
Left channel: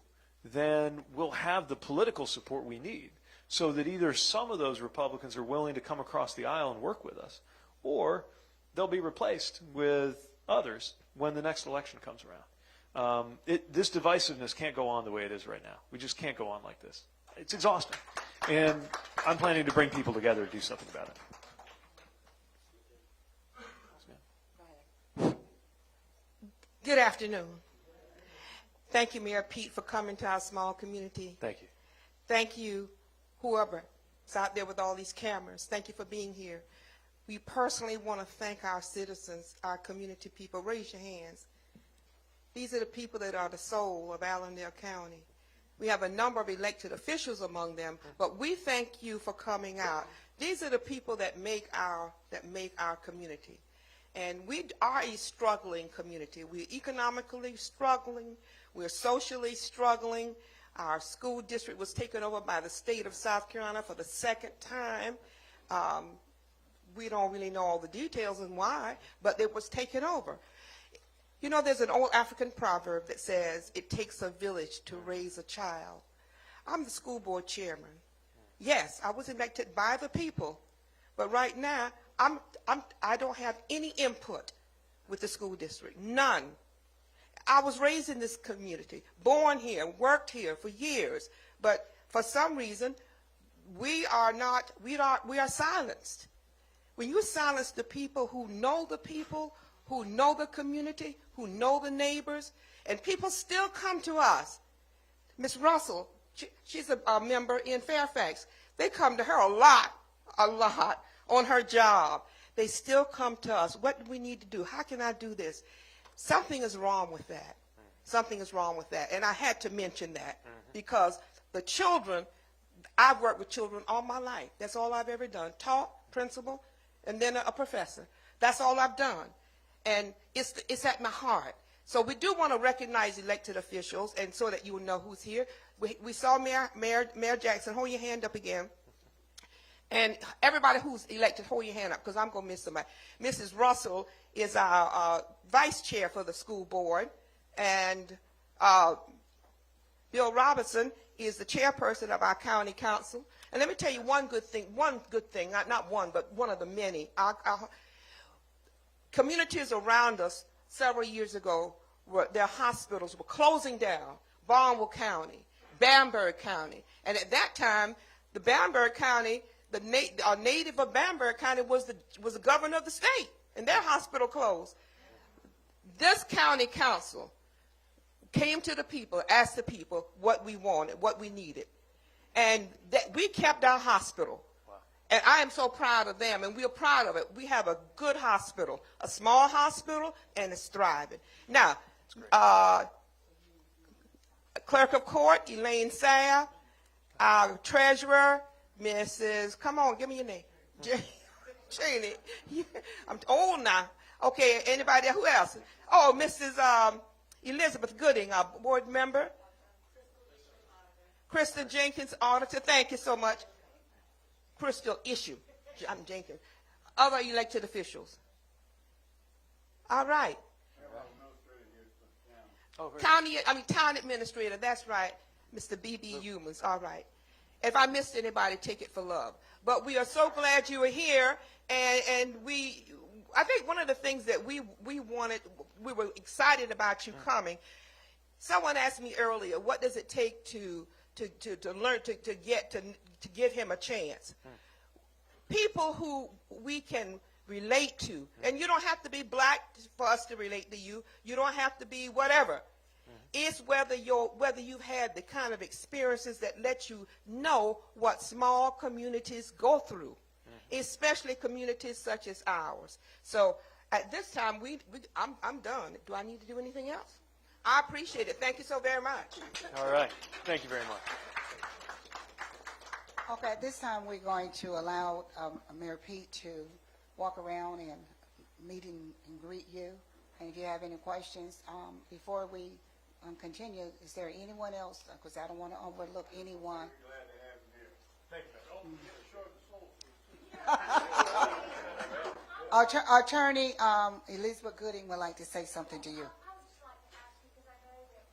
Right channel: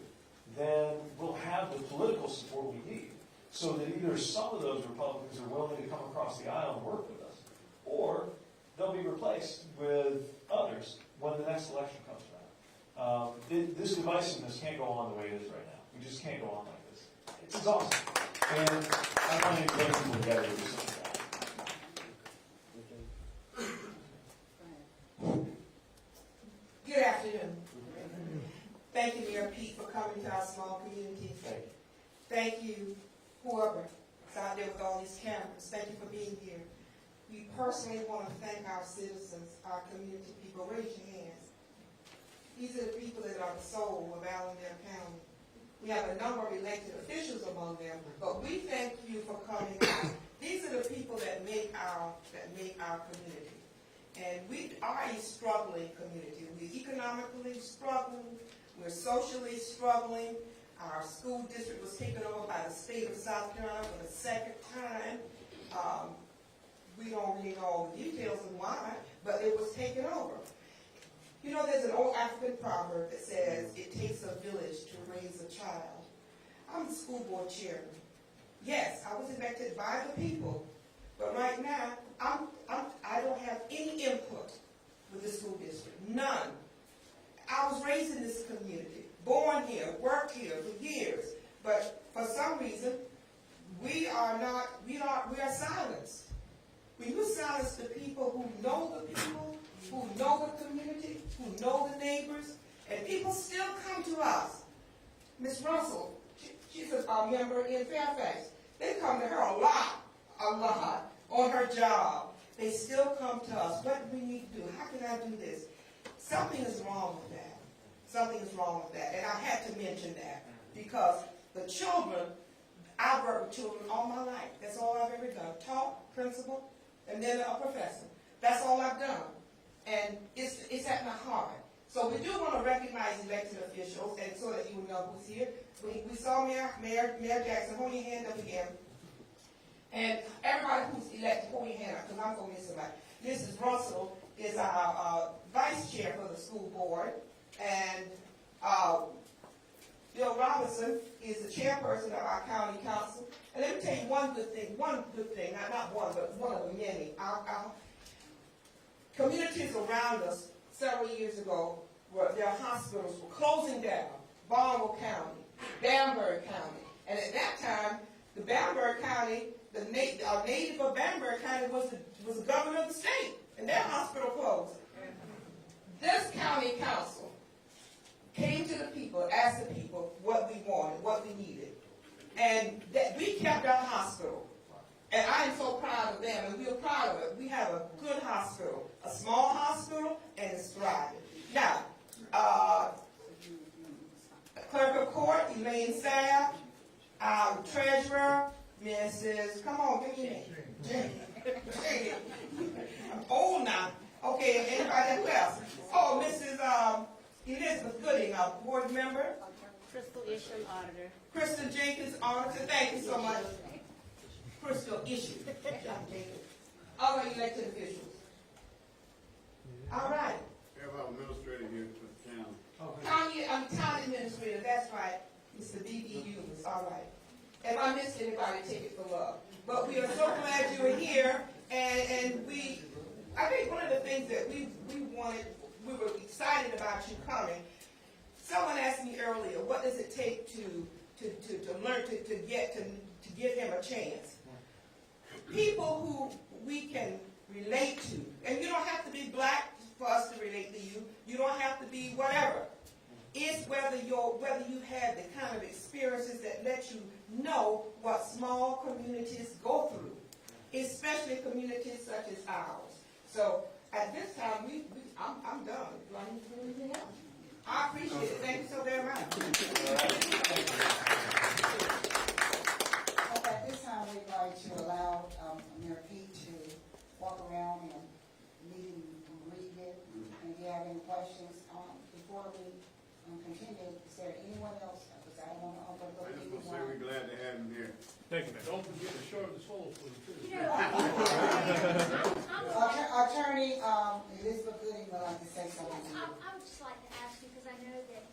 then we'll have the political support we need so that either some of those Republicans are willing to come across the aisle and work with us, or they'll be replaced with others when the next election comes around. This divisiveness can't go on the way it is right now. We just can't go on like this. It's exhausting. And I'm planning to bring people together to do something about it. Good afternoon. Thank you, Mayor Pete, for coming to our small community. Thank you. Thank you, whoever is out there with all these cameras. Thank you for being here. We personally want to thank our citizens, our community people. Raise your hands. These are the people that are the soul of Allendale County. We have a number of elected officials among them, but we thank you for coming out. These are the people that make our community. And we are a struggling community. We're economically struggling. We're socially struggling. Our school district was taken over by the state of South Carolina for the second time. We don't really know all the details and why, but it was taken over. You know, there's an old African proverb that says, it takes a village to raise a child. I'm the school board chairman. Yes, I was elected by the people, but right now, I don't have any input with the school district, none. I was raised in this community, born here, worked here for years, but for some reason, we are silenced. When you silence the people who know the people, who know the community, who know the neighbors, and people still come to us. Miss Russell, she's a member in Fairfax. They come to her a lot on her job. They still come to us. What do we need to do? How can I do this? Something is wrong with that. Something is wrong with that. And I had to mention that because the children, I've worked with children all my life. That's all I've ever done. Taught, principal, and then a professor. That's all I've done. And it's at my heart. So we do want to recognize elected officials, and so that you will know who's here. We saw Mayor Jackson. Hold your hand up again. And everybody who's elected, hold your hand up, because I'm going to miss somebody. Mrs. Russell is our vice chair for the school board, and Bill Robinson is the chairperson of our county council. And let me tell you one good thing, not one, but one of the many. Our communities around us several years ago, their hospitals were closing down. Barnwell County, Bamberg County. And at that time, the Bamberg County, the native of Bamberg County was the governor of the state, and their hospital closed. This county council came to the people, asked the people what we wanted, what we needed. And that we kept our hospital. And I am so proud of them, and we're proud of it. We have a good hospital, a small hospital, and it's thriving. Now, Clerk of Court, Elaine Sayer, Treasurer, Mrs. Come on, give me your name. Cheney. I'm old now. Okay, anybody, who else? Oh, Mrs. Elizabeth Gooding, board member. Crystal Isham, auditor. Crystal Jenkins, auditor. Thank you so much. Crystal Issue. I'm Jenkins. Other elected officials. All right. We have our administrator here for the county. Town administrator, that's right. Mr. B.B. Humans, all right. If I missed anybody, take it for love. But we are so glad you were here, and I think one of the things that we were excited about you coming. Someone asked me earlier, what does it take to learn, to give him a chance? People who we can relate to, and you don't have to be black for us to relate to you. You don't have to be whatever. It's whether you had the kind of experiences that let you know what small communities go through, especially communities such as ours. So at this time, I'm done. Do I need to do anything else? I appreciate it. Thank you so very much. All right, thank you very much. Okay, at this time, we're going to allow Mayor Pete to walk around and meet and greet you. And if you have any questions, before we continue, is there anyone else? Because I don't want to overlook anyone. We're glad to have him here. Thank you, Mayor. Don't forget the short and swallow for you, too. Our attorney, Elizabeth Gooding, would like to say something to you. I would just like to ask you, because I know that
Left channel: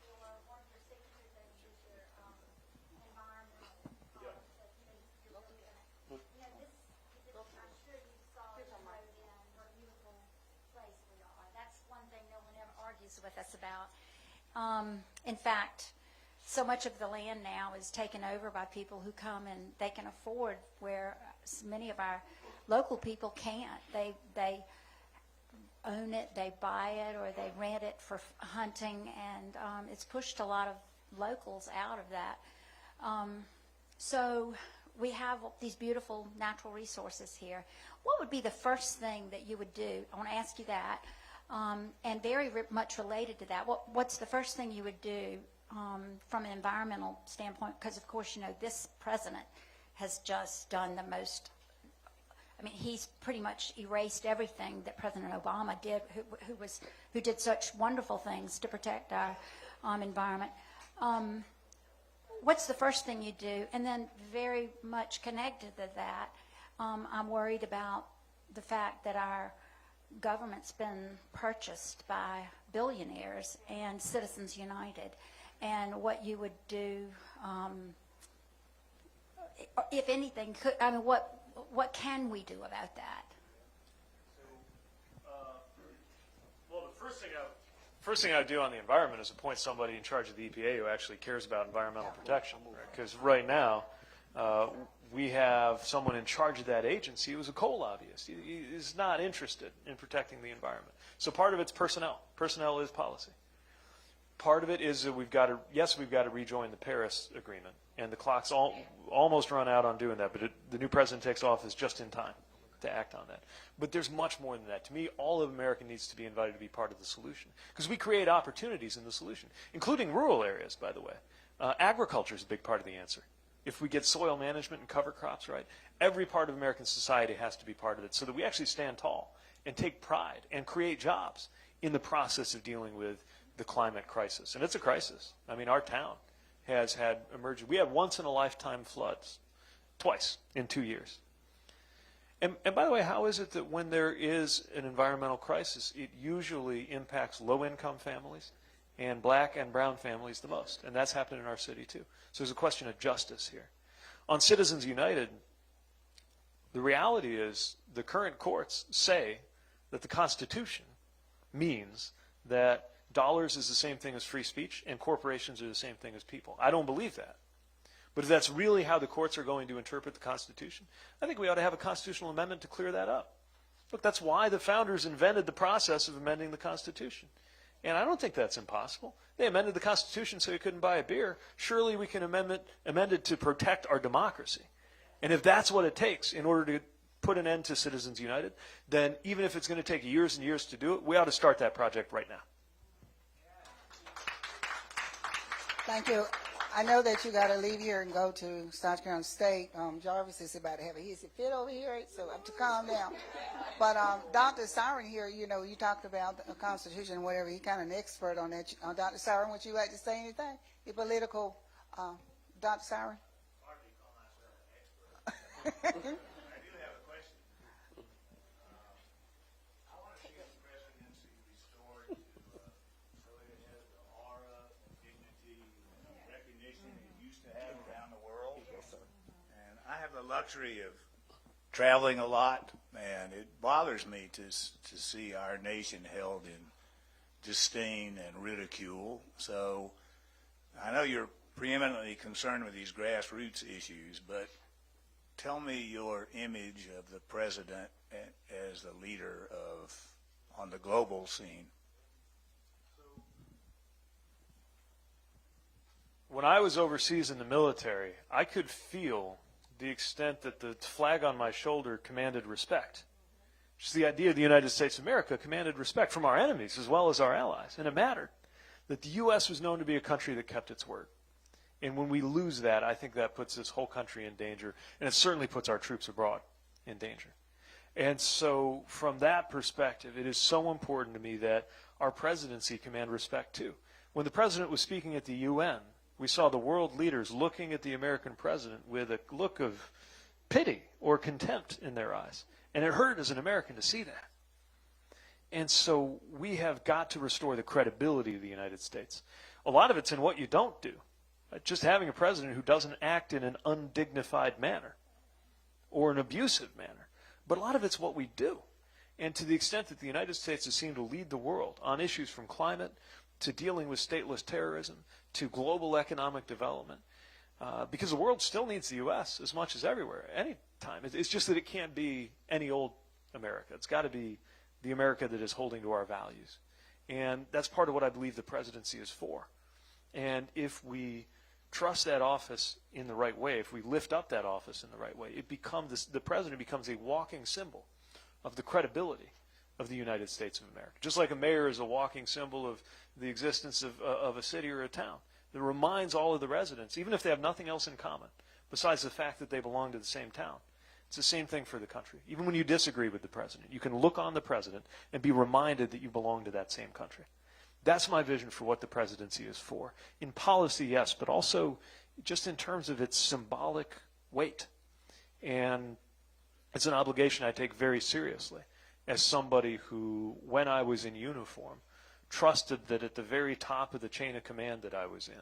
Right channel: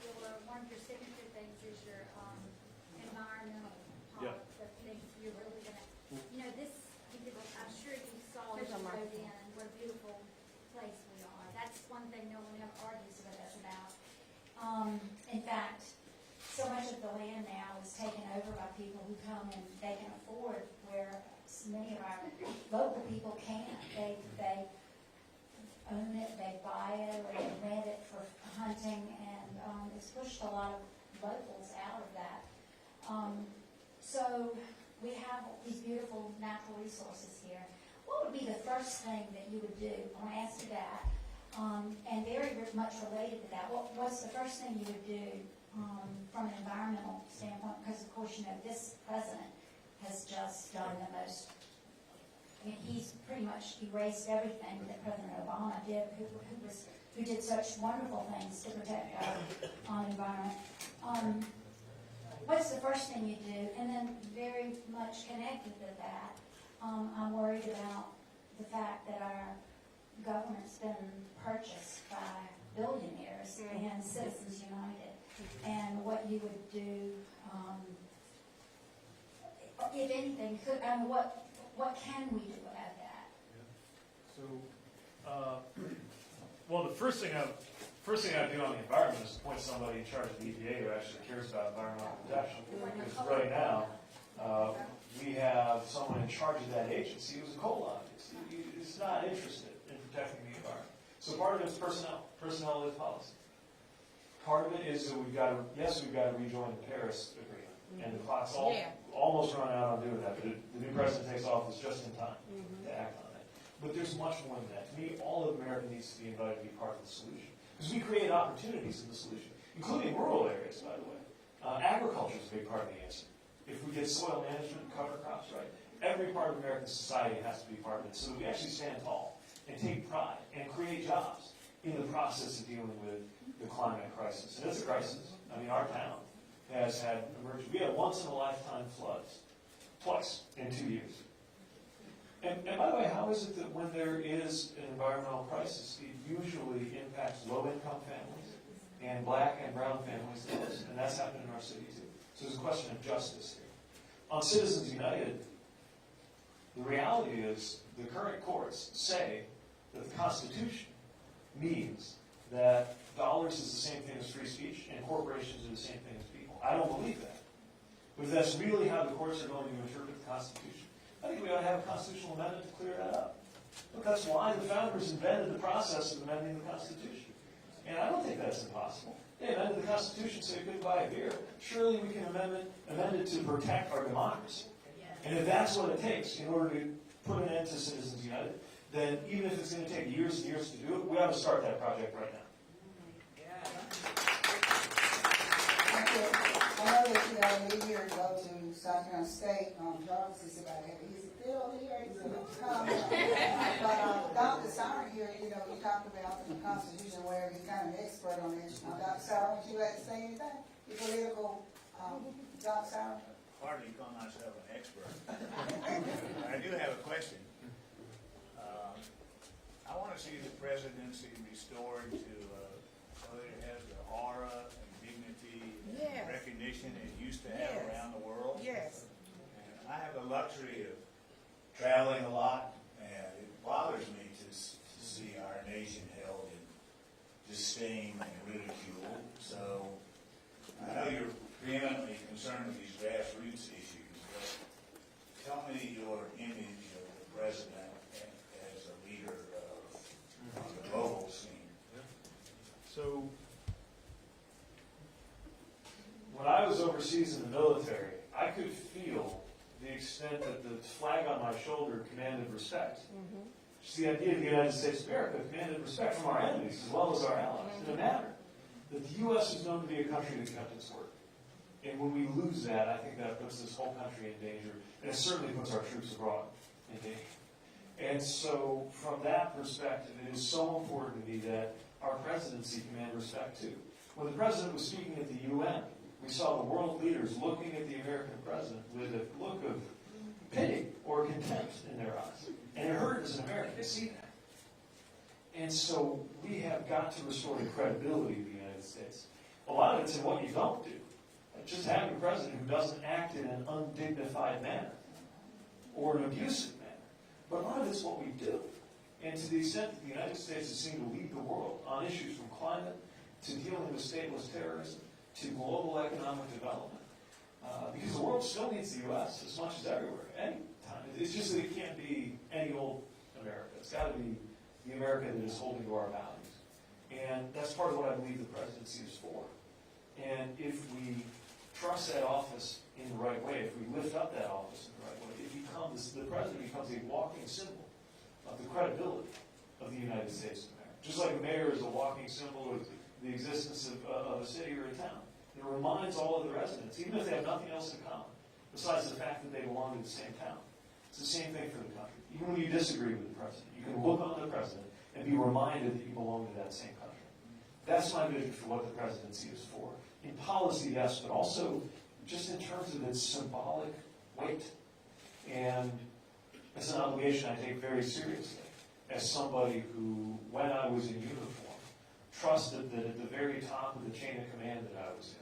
one of your signature things is your environmental Yeah. the things you're really gonna, this, I'm sure you saw as you rode in, and what a beautiful place we are. That's one thing no one ever argues with us about. In fact, so much of the land now is taken over by people who come and they can afford where many of our local people can't. They own it, they buy it, or they rent it for hunting, and it's pushed a lot of locals out of that. So we have these beautiful natural resources here. What would be the first thing that you would do? I want to ask you that. And very much related to that, what's the first thing you would do from an environmental standpoint? Because, of course, this president has just done the most. I mean, he's pretty much erased everything that President Obama did, who did such wonderful things to protect our environment. What's the first thing you do? And then very much connected to that, I'm worried about the fact that our government's been purchased by billionaires and Citizens United, and what you would do, if anything, what can we do about that? So, well, the first thing I do on the environment is appoint somebody in charge of the EPA who actually cares about environmental protection. Because right now, we have someone in charge of that agency who's a coal lobbyist. He is not interested in protecting the environment. So part of it's personnel. Personnel is policy. Part of it is that we've got to rejoin the Paris Agreement. And the clock's almost run out on doing that, but the new president takes office just in time to act on that. But there's much more than that. To me, all of America needs to be invited to be part of the solution. Because we create opportunities in the solution, including rural areas, by the way. Agriculture is a big part of the answer. If we get soil management and cover crops right, every part of American society has to be part of it so that we actually stand tall and take pride and create jobs in the process of dealing with the climate crisis. And it's a crisis. I mean, our town has had emergent. We have once-in-a-lifetime floods, twice in 2 years. And by the way, how is it that when there is an environmental crisis, it usually impacts low-income families and black and brown families the most? And that's happened in our city, too. So there's a question of justice here. On Citizens United, the reality is the current courts say that the Constitution means that dollars is the same thing as free speech and corporations are the same thing as people. I don't believe that. But if that's really how the courts are going to interpret the Constitution, I think we ought to have a constitutional amendment to clear that up. Look, that's why the founders invented the process of amending the Constitution. And I don't think that's impossible. They amended the Constitution so you couldn't buy a beer. Surely we can amend it to protect our democracy. And if that's what it takes in order to put an end to Citizens United, then even if it's going to take years and years to do it, we ought to start that project right now. Thank you. I know that you got to leave here and go to South Carolina State. Jarvis is about to have an easy fit over here, so I have to calm down. But Dr. Siren here, you talked about the Constitution, where he's kind of an expert on that. Dr. Siren, would you like to say anything? Your political, Dr. Siren? Hardly call myself an expert. I do have a question. I want to see the presidency restored to so that it has the aura and dignity and recognition it used to have around the world. Yes. And I have the luxury of traveling a lot, and it bothers me to see our nation held in disdain and ridicule. So I know you're preeminently concerned with these grassroots issues, but tell me your image of the president as the leader on the global scene. So when I was overseas in the military, I could feel the extent that the flag on my shoulder commanded respect. Just the idea of the United States of America commanded respect from our enemies as well as our allies, and it mattered. that the U.S. was known to be a country that kept its word. And when we lose that, I think that puts this whole country in danger, and it certainly puts our troops abroad in danger. And so from that perspective, it is so important to me that our presidency command respect too. When the president was speaking at the UN, we saw the world leaders looking at the American president with a look of pity or contempt in their eyes. And it hurt as an American to see that. And so we have got to restore the credibility of the United States. A lot of it's in what you don't do. Just having a president who doesn't act in an undignified manner or an abusive manner. But a lot of it's what we do. And to the extent that the United States has seemed to lead the world on issues from climate to dealing with stateless terrorism to global economic development, because the world still needs the U.S. as much as everywhere, any time. It's just that it can't be any old America. It's got to be the America that is holding to our values. And that's part of what I believe the presidency is for. And if we trust that office in the right way, if we lift up that office in the right way, the president becomes a walking symbol of the credibility of the United States of America. Just like a mayor is a walking symbol of the existence of a city or a town. That reminds all of the residents, even if they have nothing else in common, besides the fact that they belong to the same town. It's the same thing for the country. Even when you disagree with the president, you can look on the president and be reminded that you belong to that same country. That's my vision for what the presidency is for. In policy, yes, but also just in terms of its symbolic weight. And it's an obligation I take very seriously as somebody who, when I was in uniform, trusted that at the very top of the chain of command that I was in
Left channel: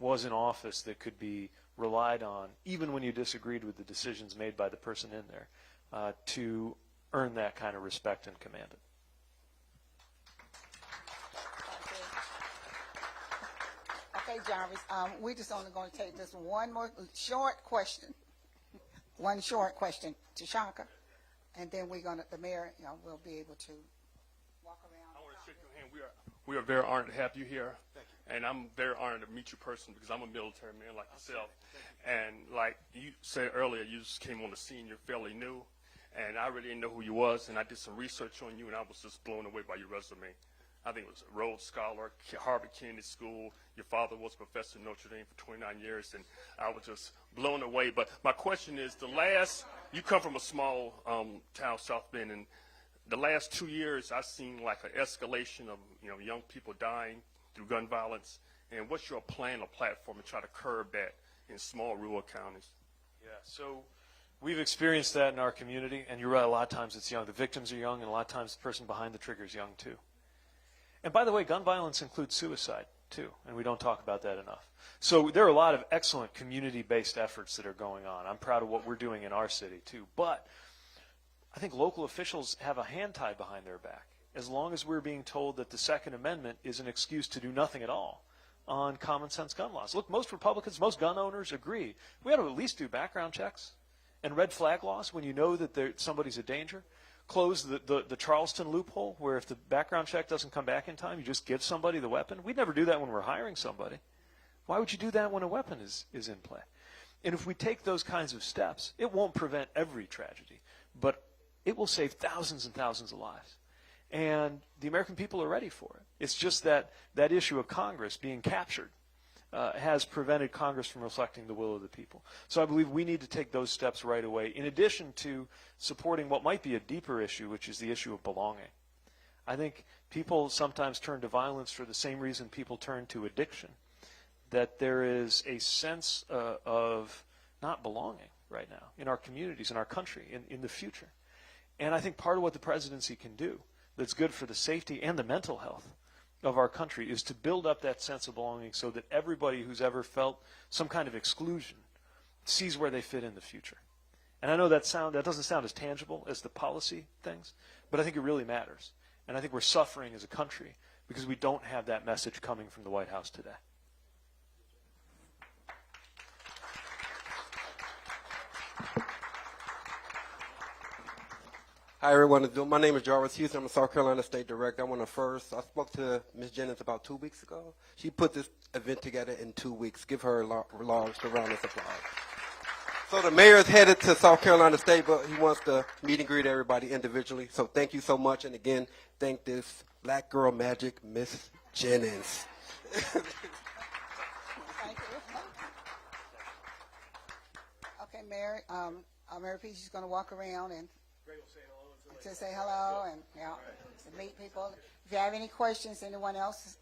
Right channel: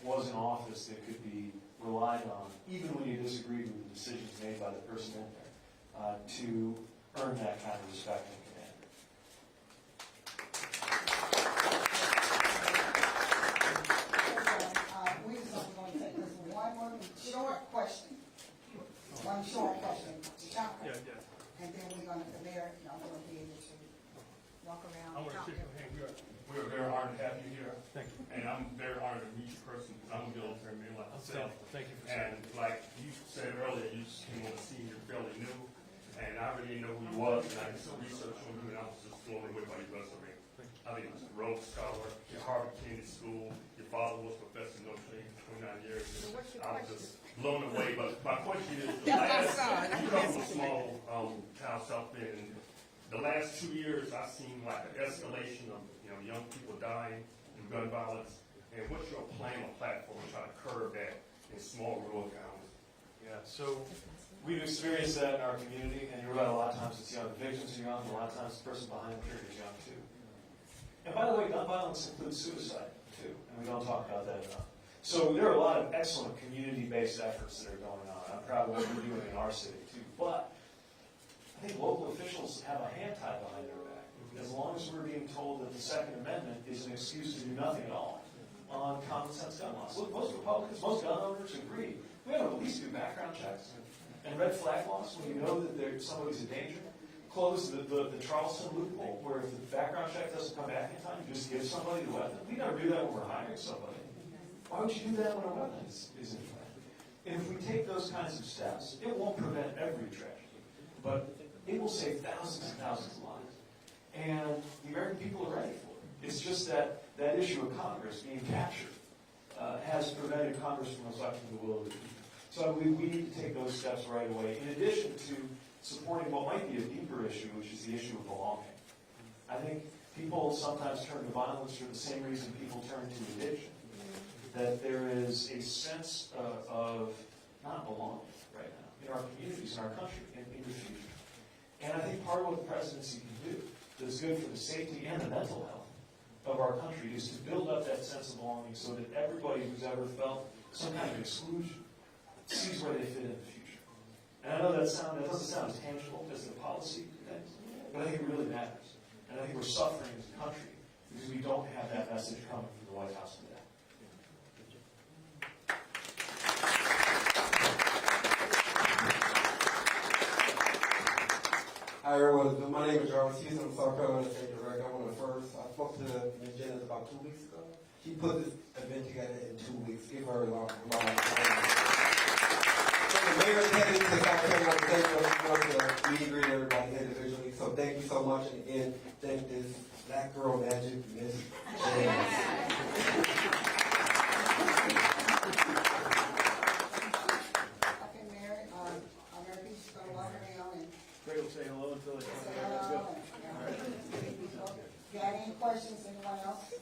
was an office that could be relied on, even when you disagreed with the decisions made by the person in there, to earn that kind of respect and command. We just only going to take this one more short question. One short question to Shaka. And then we're going to, the mayor, will be able to walk around. We are very honored to have you here. Thank you. And I'm very honored to meet you personally because I'm a military man like myself. Thank you. And like you said earlier, you just came on the scene, you're fairly new. And I really didn't know who you was, and I did some research on you, and I was just blown away by your resume. I think it was a Rhodes Scholar, Harvard Kennedy School. Your father was professor at Notre Dame for 29 years, and I was just blown away. But my question is, you come from a small town, South Bend, and the last 2 years I've seen like an escalation of young people dying through gun violence. And what's your plan or platform to try to curb that in small rural counties? Yeah, so we've experienced that in our community, and you're right, a lot of times it's young. The victims are young, and a lot of times the person behind the trigger is young too. And by the way, gun violence includes suicide too, and we don't talk about that enough. So there are a lot of excellent community-based efforts that are going on. I'm proud of what we're doing in our city too. But I think local officials have a hand tied behind their back. As long as we're being told that the Second Amendment is an excuse to do nothing at all on common sense gun laws. Look, most Republicans, most gun owners agree. We ought to at least do background checks and red flag laws when you know that somebody's a danger. Close the Charleston loophole where if the background check doesn't come back in time, you just give somebody the weapon. We never do that when we're hiring somebody. Why would you do that when a weapon is in play? And if we take those kinds of steps, it won't prevent every tragedy, but it will save thousands and thousands of lives. And the American people are ready for it. It's just that issue of Congress being captured has prevented Congress from reflecting the will of the people. So I believe we need to take those steps right away, in addition to supporting what might be a deeper issue, which is the issue of belonging. I think people sometimes turn to violence for the same reason people turn to addiction, that there is a sense of not belonging right now in our communities, in our country, in the future. And I think part of what the presidency can do that's good for the safety and the mental health of our country is to build up that sense of belonging so that everybody who's ever felt some kind of exclusion sees where they fit in the future. And I know that doesn't sound as tangible as the policy things, but I think it really matters. And I think we're suffering as a country because we don't have that message coming from the White House today. Hi everyone, my name is Jarvis Houston. I'm a South Carolina State Director. I spoke to Ms. Jennings about 2 weeks ago. She put this event together in 2 weeks. Give her a long round of applause. So the mayor's headed to South Carolina State, but he wants to meet and greet everybody individually. So thank you so much. And again, thank this Black Girl Magic, Miss Jennings. Okay, Mary, Mayor Pete's just gonna walk around and Great, we'll say hello until they. just say hello and, meet people. If you have any questions, anyone else,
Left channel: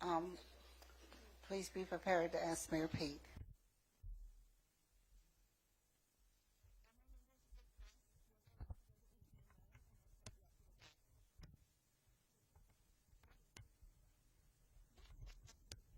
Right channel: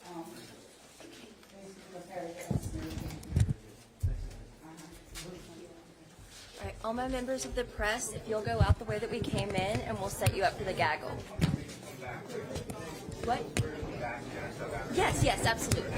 please be prepared to ask Mayor Pete. All right, all my members of the press, if you'll go out the way that we came in, and we'll set you up for the gaggle. What? Yes, absolutely.